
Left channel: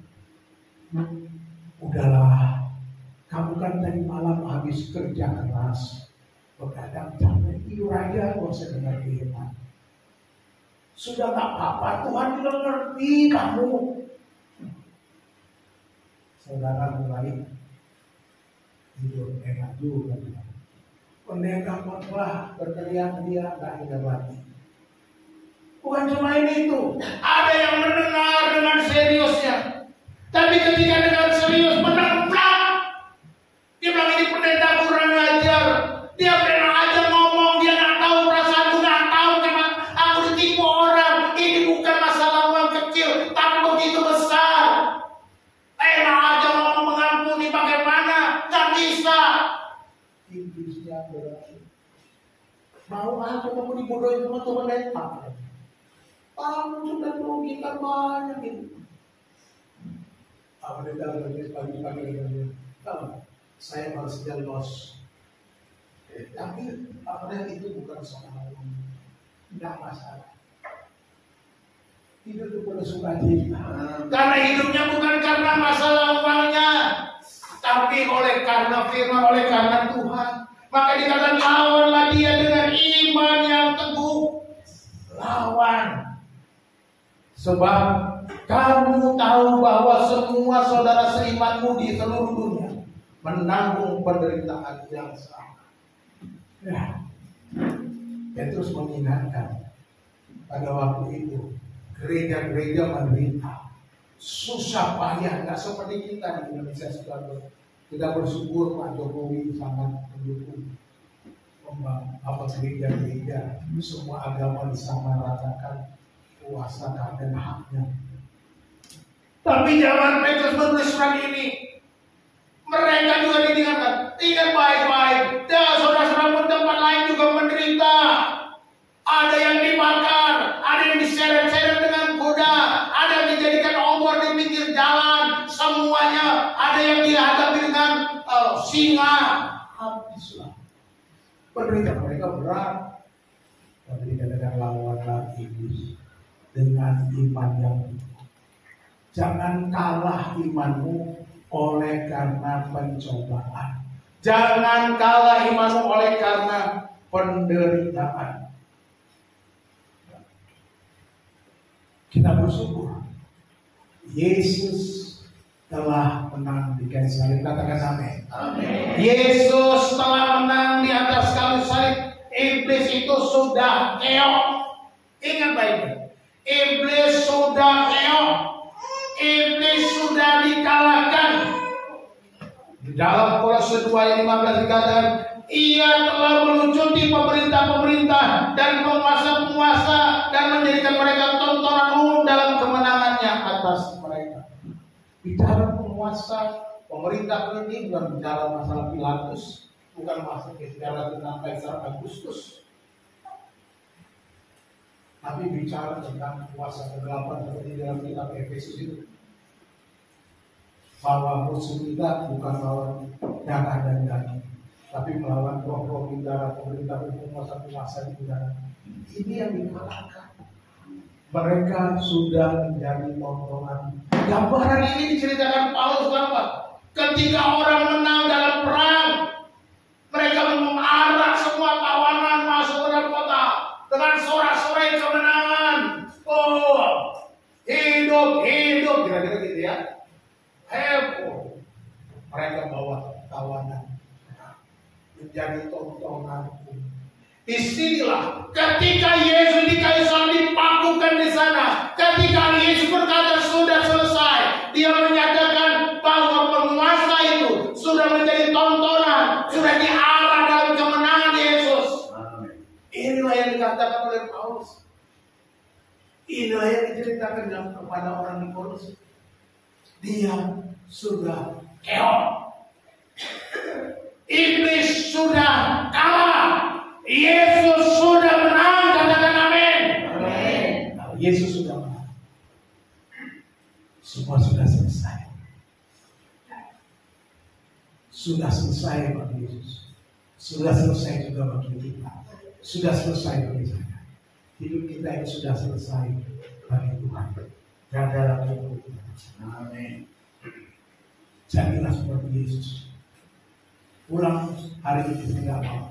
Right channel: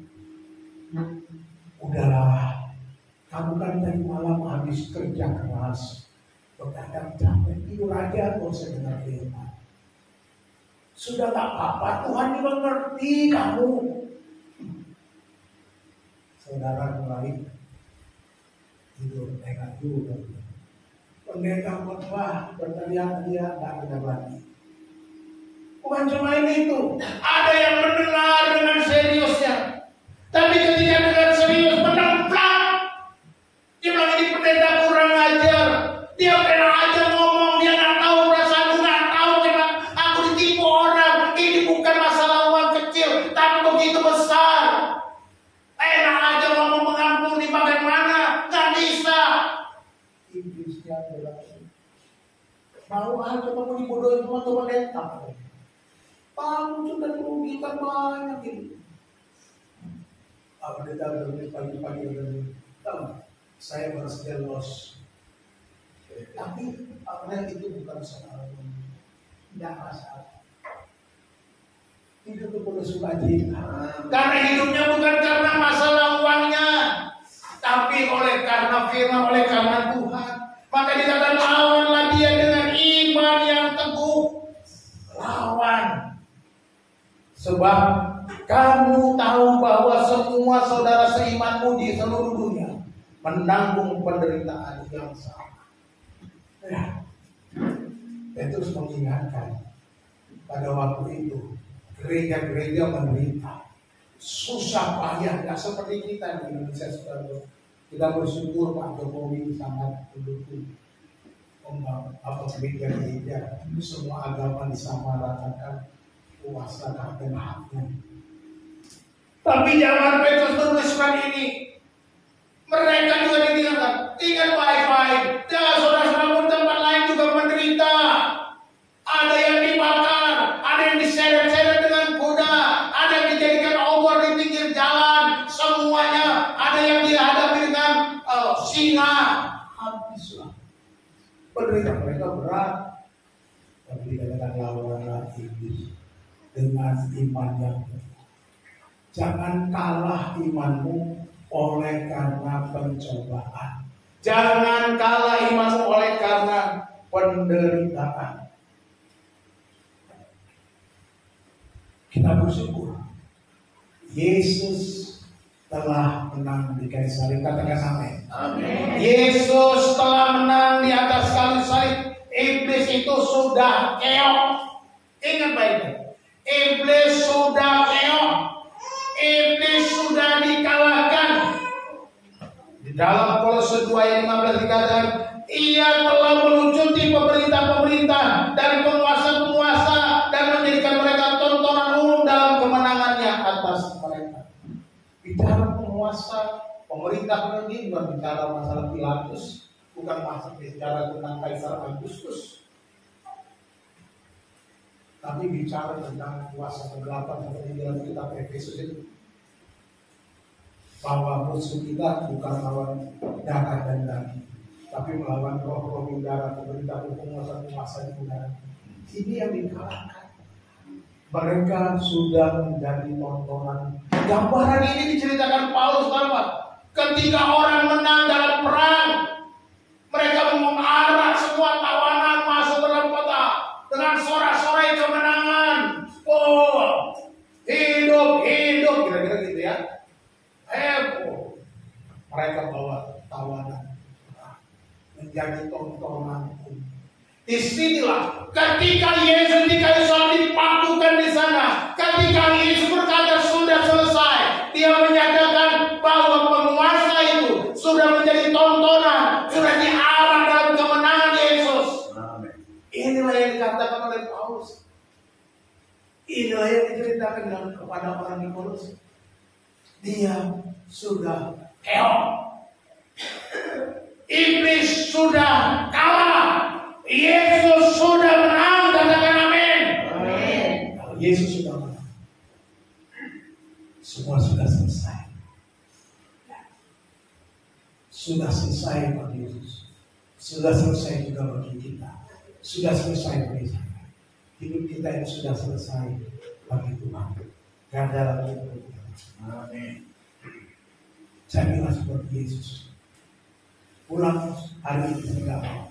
Udahlah, kamu kan tadi malam habis kerja keras, begadang capek, tidur aja, gak usah dengar firman. Sudah gak apa-apa, Tuhan juga ngerti kamu. Saudara mulai tidur enak juga. Pendeta khotbah berteriak, dia gak dengar lagi. Bukan cuma itu, ada yang mendengar dengan seriusnya. Tapi ketika dengar serius menempel, dia bilang ini pendeta kurang ajar. Dia pernah aja ngomong, dia nggak tahu perasaan, nggak tahu kenapa aku ditipu orang. Ini bukan masalah uang kecil, tapi begitu besar. Enak aja ngomong mengampuni, bagaimana? Nggak bisa. Iblisnya berarti mau aja kamu dibodohin sama Tuhan pendeta. Kamu sudah merugikan banyak ini. Pendeta bertulis pagi-pagi kalau saya baru saja los. Tapi apalagi itu bukan soal uang, tidak masalah. Hidup itu perlu sukacita. Karena hidupnya bukan karena masalah uangnya, tapi oleh karena firman, oleh karena Tuhan. Maka dikatakan lawanlah dia dengan iman yang teguh. Lawan. Sebab kamu tahu bahwa semua saudara seimanmu di seluruh dunia menanggung penderitaan yang sama. Petrus mengingatkan pada waktu itu gereja-gereja menderita, susah payah, nggak seperti kita di Indonesia sekarang. Kita bersyukur Pak Jokowi sangat mendukung gereja-gereja, semua agama disamaratakan, kuasa dan haknya. Tapi jangan Petrus menulis surat ini. Mereka juga diingatkan, ingat baik-baik. Dan saudara-saudara tempat lain juga menderita. Ada yang dibakar, ada yang diseret-seret dengan kuda, ada yang dijadikan obor di pinggir jalan. Semuanya ada yang dihadapi dengan singa. Habislah. Penderitaan mereka berat. Tapi dikatakan lawanlah iblis dengan iman yang teguh. Jangan kalah imanmu oleh karena pencobaan. Jangan kalah imanmu oleh karena penderitaan. Kita bersyukur Yesus telah menang di kayu salib. Katakan amin. Yesus telah menang di atas kayu salib. Iblis itu sudah keok. Ingat baik-baik. Iblis sudah keok. Iblis sudah dikalahkan. Di dalam Kolose 2 ayat 15 dikatakan, ia telah melucuti pemerintah-pemerintah dan penguasa-penguasa dan menjadikan mereka tontonan umum dalam kemenangannya atas mereka. Bicara penguasa, pemerintah ini bukan bicara masalah Pilatus, bukan masalah bicara tentang Kaisar Agustus, tapi bicara tentang kuasa kegelapan seperti dalam kitab Efesus itu. Bahwa musuh kita bukan lawan darah dan daging, tapi melawan roh-roh di udara, pemerintah, penguasa-penguasa di udara. Ini yang dikalahkan. Mereka sudah menjadi tontonan. Gambaran ini diceritakan Paulus apa? Ketika orang menang dalam perang, mereka mengarah semua tawanan masuk ke dalam kota dengan sorak-sorai kemenangan. Oh, hidup, kira-kira gitu ya. Heboh. Mereka bawa tawanan menjadi tontonan. Disinilah ketika Yesus di kayu salib dipakukan di sana, ketika Yesus berkata sudah selesai, dia menyatakan bahwa penguasa itu sudah menjadi tontonan, sudah diarah dalam kemenangan Yesus. Amen. Inilah yang dikatakan oleh Paulus. Inilah yang diceritakan kepada Dia sudah keok. Iblis sudah kalah. Yesus sudah menang. Katakan amin. Amin. Kalau Yesus sudah menang, semua sudah selesai. Sudah selesai bagi Yesus. Sudah selesai juga bagi kita. Sudah selesai bagi saya. Hidup kita ini sudah selesai bagi Tuhan. Gak ada lagi yang berubah. Amin. Jadilah seperti Yesus. Pulang hari ini saya gak mau.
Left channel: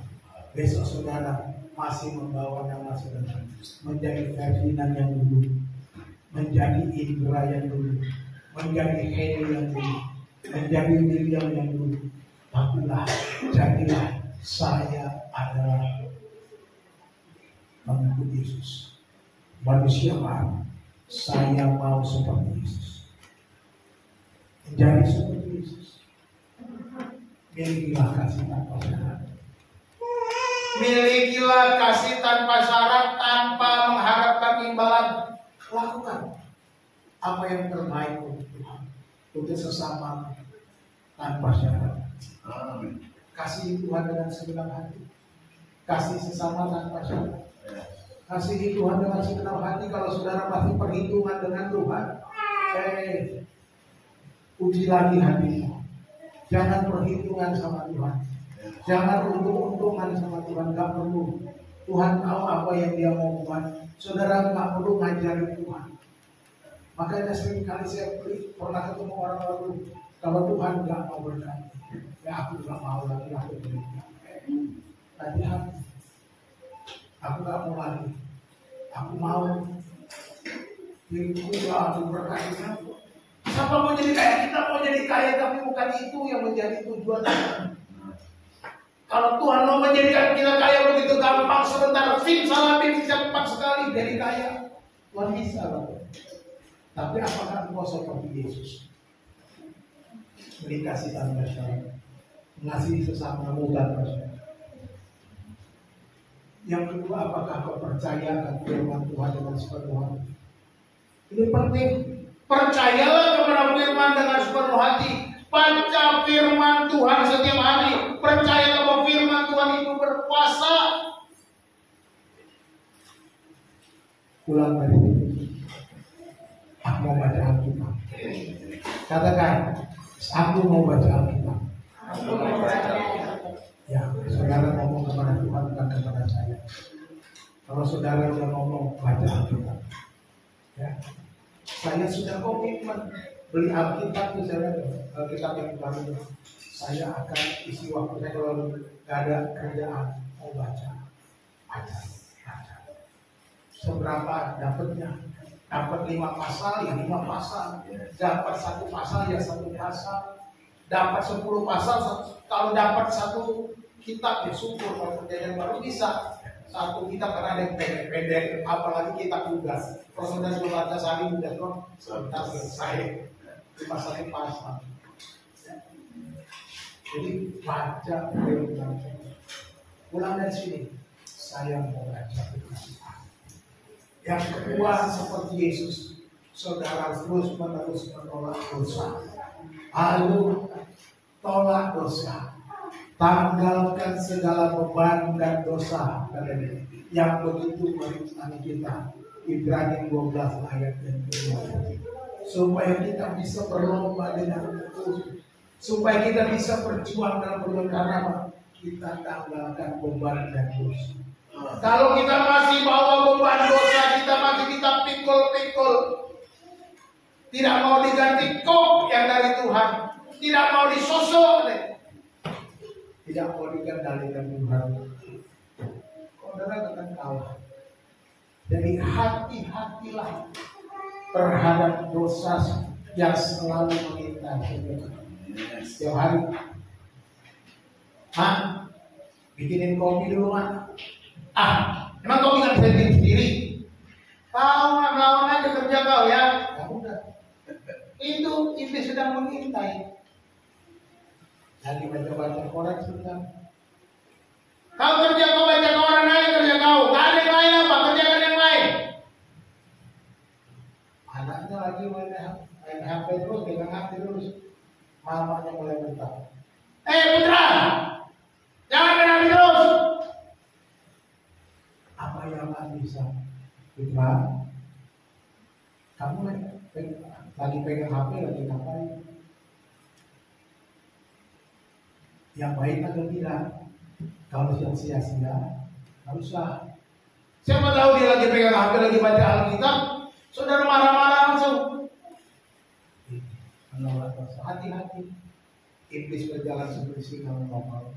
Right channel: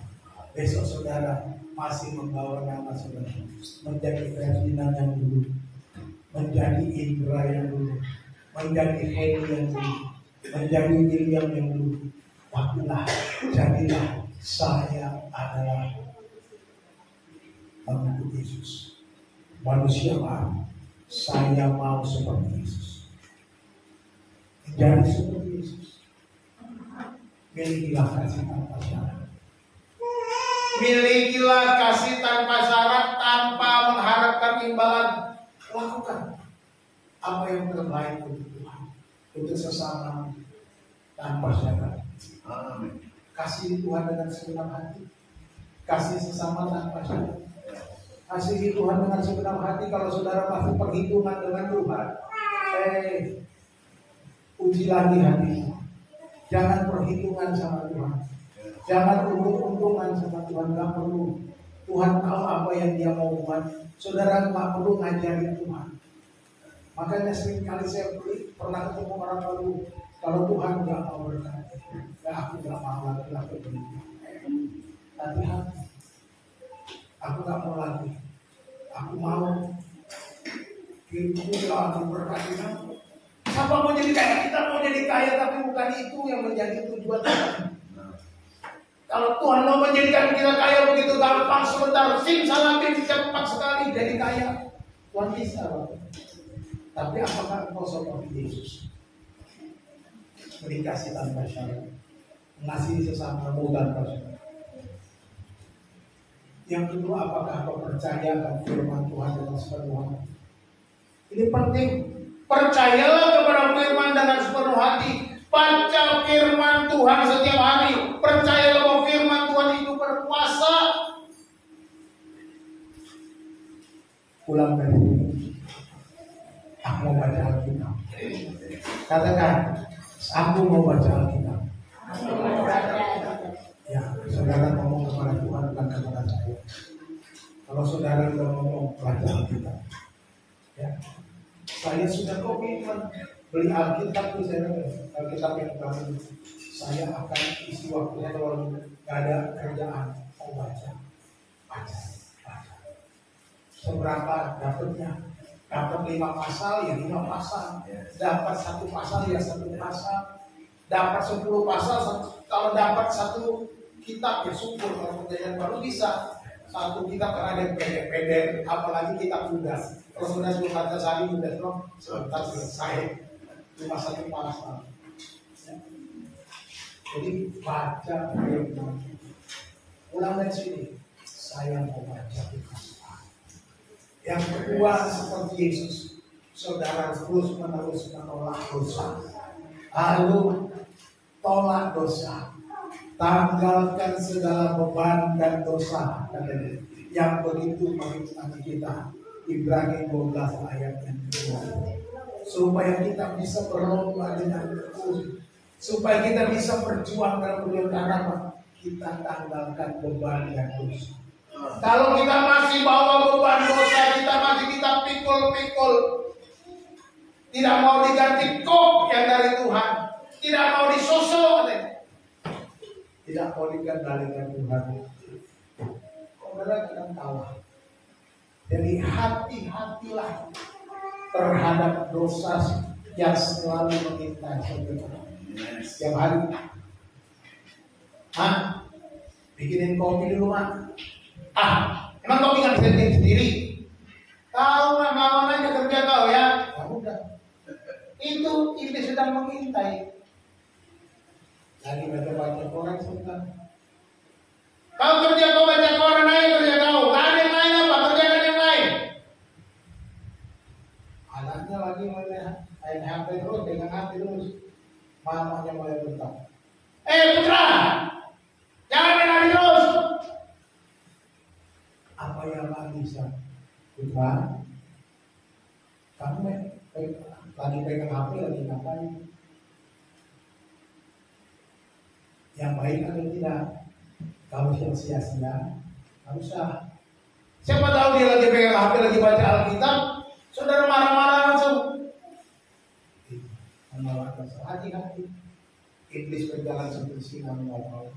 Besok saudara masih membawa nama saudara menjadi Ferdinand yang dulu, menjadi Indra yang dulu, menjadi Hedi yang dulu, menjadi William yang dulu. Tapilah, jadilah saya adalah mengikut Yesus. Manusia baru. Saya mau seperti Yesus. Menjadi seperti Yesus. Milikilah kasih tanpa syarat. Milikilah kasih tanpa syarat, tanpa mengharapkan imbalan. Lakukan apa yang terbaik untuk Tuhan, untuk sesama tanpa syarat. Amin. Kasih Tuhan dengan segenap hati. Kasih sesama tanpa syarat. Kasih Tuhan dengan segenap hati. Kalau saudara masih perhitungan dengan Tuhan, uji lagi hatimu. Jangan perhitungan sama Tuhan. Jangan untung-untungan sama Tuhan. Gak perlu. Tuhan tahu apa yang dia mau buat. Saudara gak perlu ngajari Tuhan. Makanya sering kali saya pernah ketemu orang lalu, kalau Tuhan gak mau berkati, ya aku gak mau lagi aku berikan. Hati-hati. Aku gak mau lagi. Aku mau hidupku aku berkati. Siapa mau jadi kaya? Kita mau jadi kaya, tapi bukan itu yang menjadi tujuan kita. Kalau Tuhan mau menjadikan kita kaya begitu gampang, sebentar simsalabim cepat sekali jadi kaya. Tuhan bisa, Bapak. Tapi apakah engkau seperti Yesus? Dikasih tanpa syarat, mengasihi sesamamu tanpa syarat. Yang kedua, apakah kau percaya akan firman Tuhan dengan sepenuh hati? Ini penting. Percayalah kepada firman dengan sepenuh hati. Baca firman Tuhan setiap hari. Percayalah bahwa firman Tuhan itu berkuasa. Pulang dari sini, aku mau baca Alkitab. Katakan, aku mau baca Alkitab. Ya, saudara ngomong kepada Tuhan, bukan kepada saya. Kalau saudara sudah ngomong baca Alkitab, ya, saya sudah komitmen beli Alkitab tuh, saya Alkitab yang baru. Saya akan isi waktu saya kalau nggak ada kerjaan mau baca. Seberapa dapatnya? Dapat 5 pasal ya 5 pasal. Dapat 1 pasal ya 1 pasal. Dapat 10 pasal. Kalau dapat 1 kitab ya syukur. Kalau perjanjian baru bisa 1 kitab karena ada yang pendek-pendek. Apalagi kitab tugas. Kalau sudah baca sehari tugas sebentar selesai. 1 pasal. Jadi baca firman. Pulang dari sini, saya mau baca firman. Yang kedua, seperti Yesus, saudara terus-menerus menolak dosa. Lalu tolak dosa, tanggalkan segala beban dan dosa yang begitu merintangi kita. Ibrani 12 ayat yang kedua. Supaya kita bisa berlomba dengan tekun, supaya kita bisa berjuang dalam perjalanan, kita tanggalkan beban dan dosa. Kalau kita masih bawa beban dosa, kita pikul-pikul, tidak mau diganti kop yang dari Tuhan, tidak mau disosok, tidak mau dikendalikan Tuhan, saudara akan kalah. Jadi hati-hatilah terhadap dosa yang selalu mengintai saudara. Setiap hari, bikinin kopi dulu emang kopi kan bisa bikin sendiri? Kau melawan aja kerja kau ya. Ya udah. Itu iblis sedang mengintai. Lagi baca koran sebentar. Kau kerja, kau baca koran aja kerja kau. Gak ada yang lain apa? Kerjakan yang lain. Anaknya lagi main HP terus pegang ingat terus. Mamanya mulai bentak. Putra, jangan main HP terus. Apa yang bisa? Putra, kamu lagi pegang HP lagi ngapain? Yang baik atau tidak? Kalau yang sia-sia, nggak usah. Siapa tahu dia lagi pegang HP lagi baca Alkitab, saudara marah-marah langsung. Menolak rasa, hati-hati. Iblis berjalan seperti singa mengawal.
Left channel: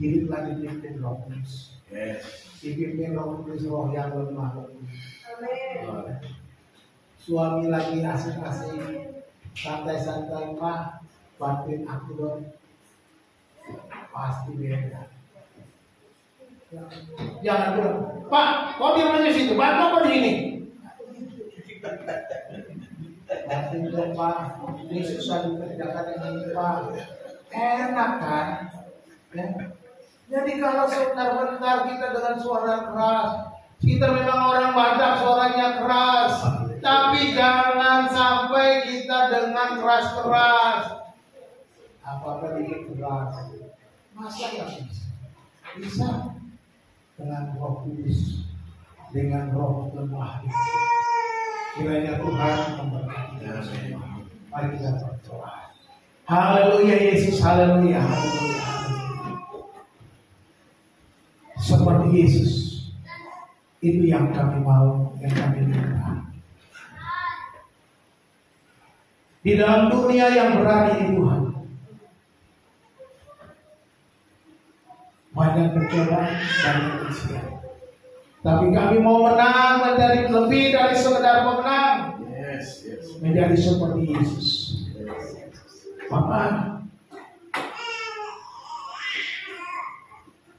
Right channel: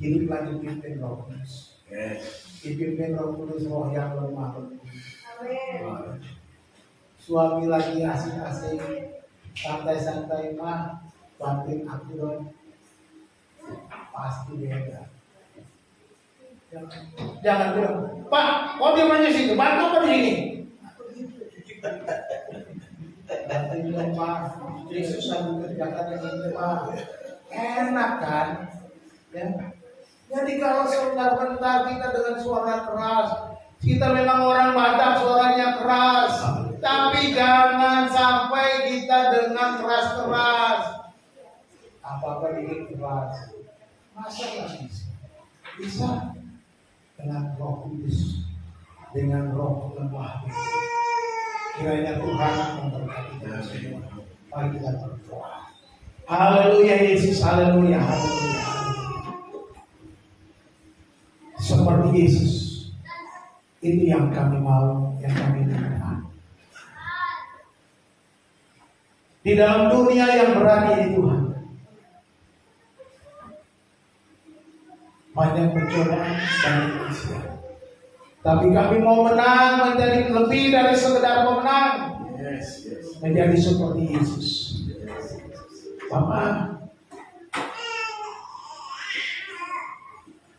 Hiduplah dipimpin Roh Kudus. Dipimpin Roh Kudus, roh yang lemah lembut. Amin. Suami lagi asik-asik, santai-santai, mah bantuin aku dong. Pasti beda. Jangan bilang, Pak, kok dia main situ? Bantu apa di sini? Bantuin dong, Pak. Ini susah dikerjakan yang ini, Pak. Enak kan? Ya. Jadi kalau sebentar-bentar kita dengan suara keras, kita memang orang Batak suaranya keras, tapi jangan sampai kita dengan keras-keras. Apakah ini keras? Masa nggak bisa? Bisa dengan Roh Kudus, dengan roh lemah. Kiranya Tuhan memberkati kita semua. Mari kita berdoa. Haleluya Yesus, haleluya, haleluya. Seperti Yesus, itu yang kami mau, yang kami minta. Di dalam dunia yang berani di Tuhan, banyak percobaan dan ujian. Tapi kami mau menang menjadi lebih dari sekedar pemenang. Menjadi seperti Yesus. Bapak,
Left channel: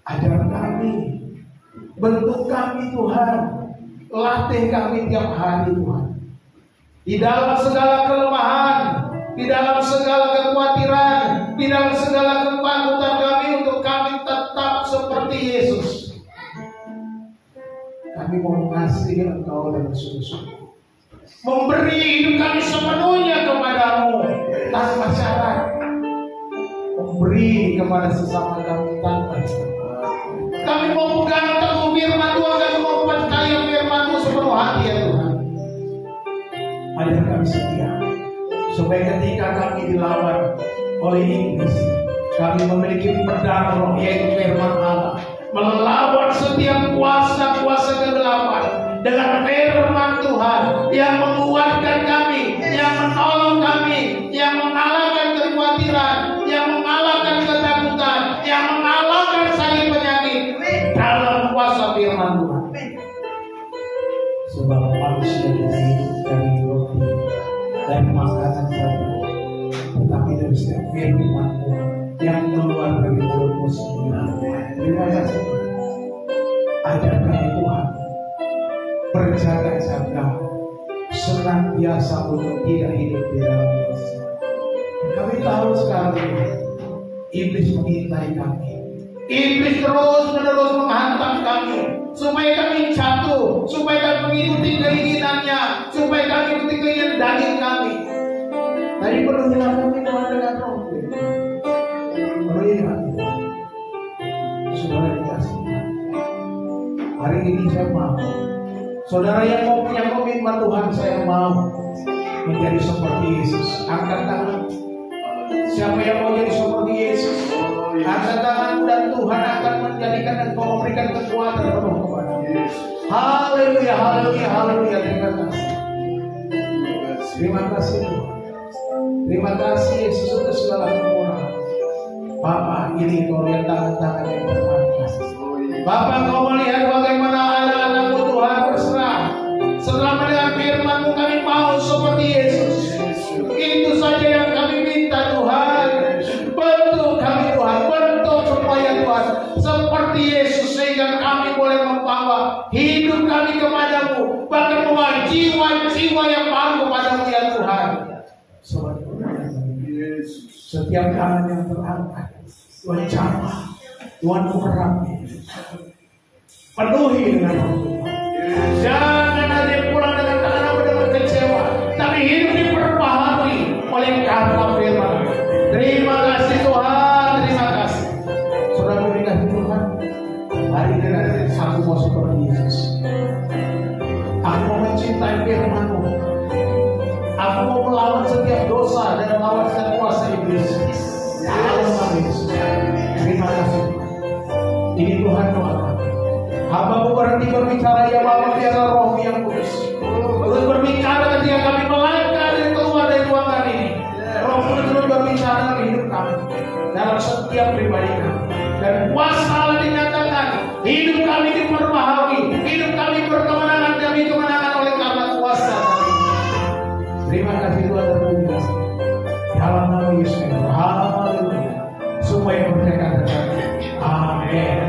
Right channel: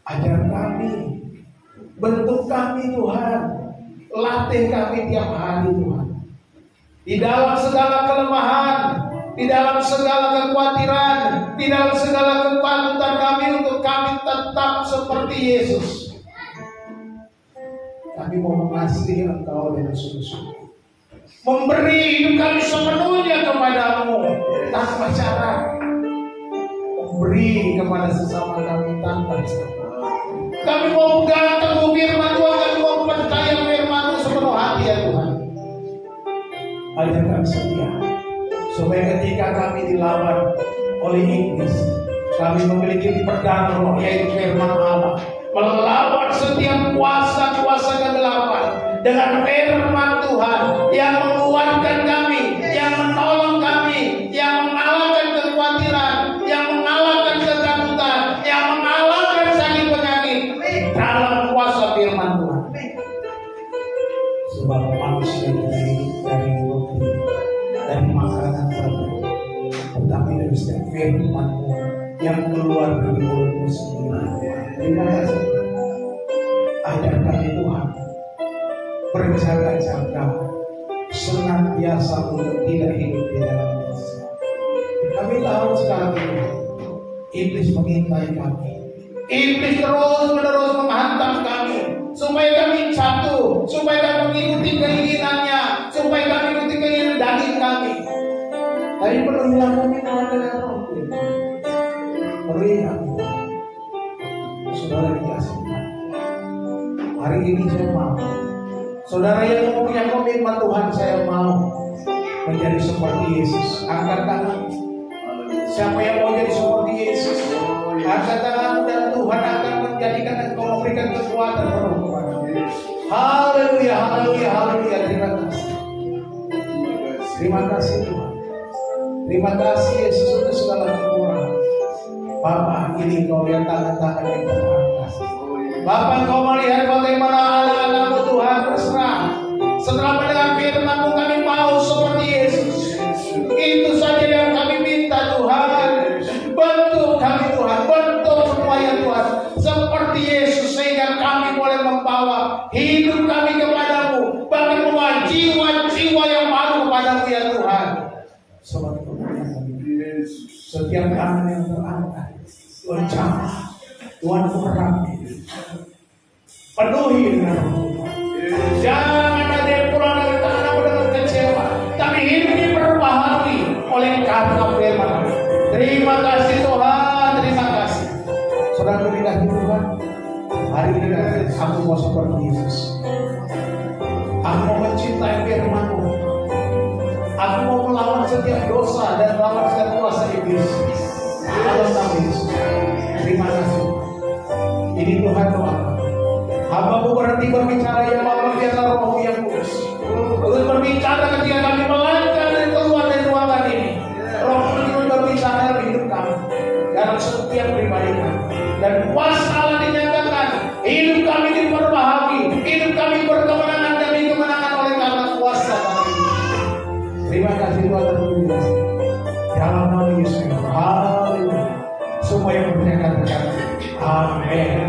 ajar kami, bentuk kami Tuhan, latih kami tiap hari Tuhan. Di dalam segala kelemahan, di dalam segala kekhawatiran, di dalam segala ketakutan kami untuk kami tetap seperti Yesus. Kami mau mengasihi Engkau dengan sungguh-sungguh, memberi hidup kami sepenuhnya kepadamu tanpa syarat, memberi kepada sesama kami tanpa syarat. Kami mau pegang teguh firman Tuhan, kami mau percaya firman-Mu sepenuh hati ya Tuhan. Ajar kami setia, supaya ketika kami dilawan oleh iblis, kami memiliki pedang roh yaitu firman Allah, melawan setiap kuasa-kuasa kegelapan dengan firman Tuhan yang menguatkan kami, yang menolong kami, yang mengalahkan kekhawatiran, yang mengalahkan ketakutan, yang mengalahkan sakit penyakit dalam kuasa firman Tuhan. Sebab manusia kita hidup dari roti dan makanan saja, tetapi dari setiap firman Tuhan yang keluar dari mulut-Mu sendiri. Terima kasih. Ajar kami Tuhan berjaga-jaga senantiasa untuk tidak hidup di dalam dosa. Kami tahu sekarang ini iblis mengintai kami. Iblis terus-menerus menghantam kami supaya kami jatuh, supaya kami mengikuti keinginannya, supaya kami mengikuti keinginan daging kami. Tapi penuhilah kami Tuhan dengan roh. Penuhilah Tuhan. Saudara dikasih. Hari ini saya mau. Saudara yang mau punya komitmen Tuhan, saya mau menjadi seperti Yesus. Angkat tangan. Siapa yang mau jadi seperti Yesus? Angkat tangan dan Tuhan akan menjadikan dan memberikan kekuatan penuh kepadamu. Haleluya, haleluya, haleluya. Terima kasih. Terima kasih Tuhan. Terima kasih Yesus untuk segala kekurangan. Bapak, ini Kau lihat tangan-tangan yang terangkat. Bapak, Kau melihat bagaimana anak-anak-Mu Tuhan berserah. Setelah mendengar firman-Mu, kami mau seperti Yesus. Itu saja yang kami minta Tuhan. Bentuk kami Tuhan, bentuk supaya Tuhan seperti Yesus, sehingga kami boleh membawa hidup kami kepadamu, bahkan membawa jiwa-jiwa yang baru kepadamu ya Tuhan. Sobat Yesus, setiap tangan yang terangkat Tuhan jamah, Tuhan urapi, penuhi dengan Tuhan. Jangan ada yang pulang dari tanah dengan kecewa, tapi hidup diperbaharui setiap pribadi kami. Dan kuasa Allah dinyatakan, hidup kami diperbaharui, hidup kami berkemenangan demi kemenangan oleh karena kuasa kami. Terima kasih Tuhan terpuji. Dalam nama Yesus, haleluya. Semua yang percaya katakan amin.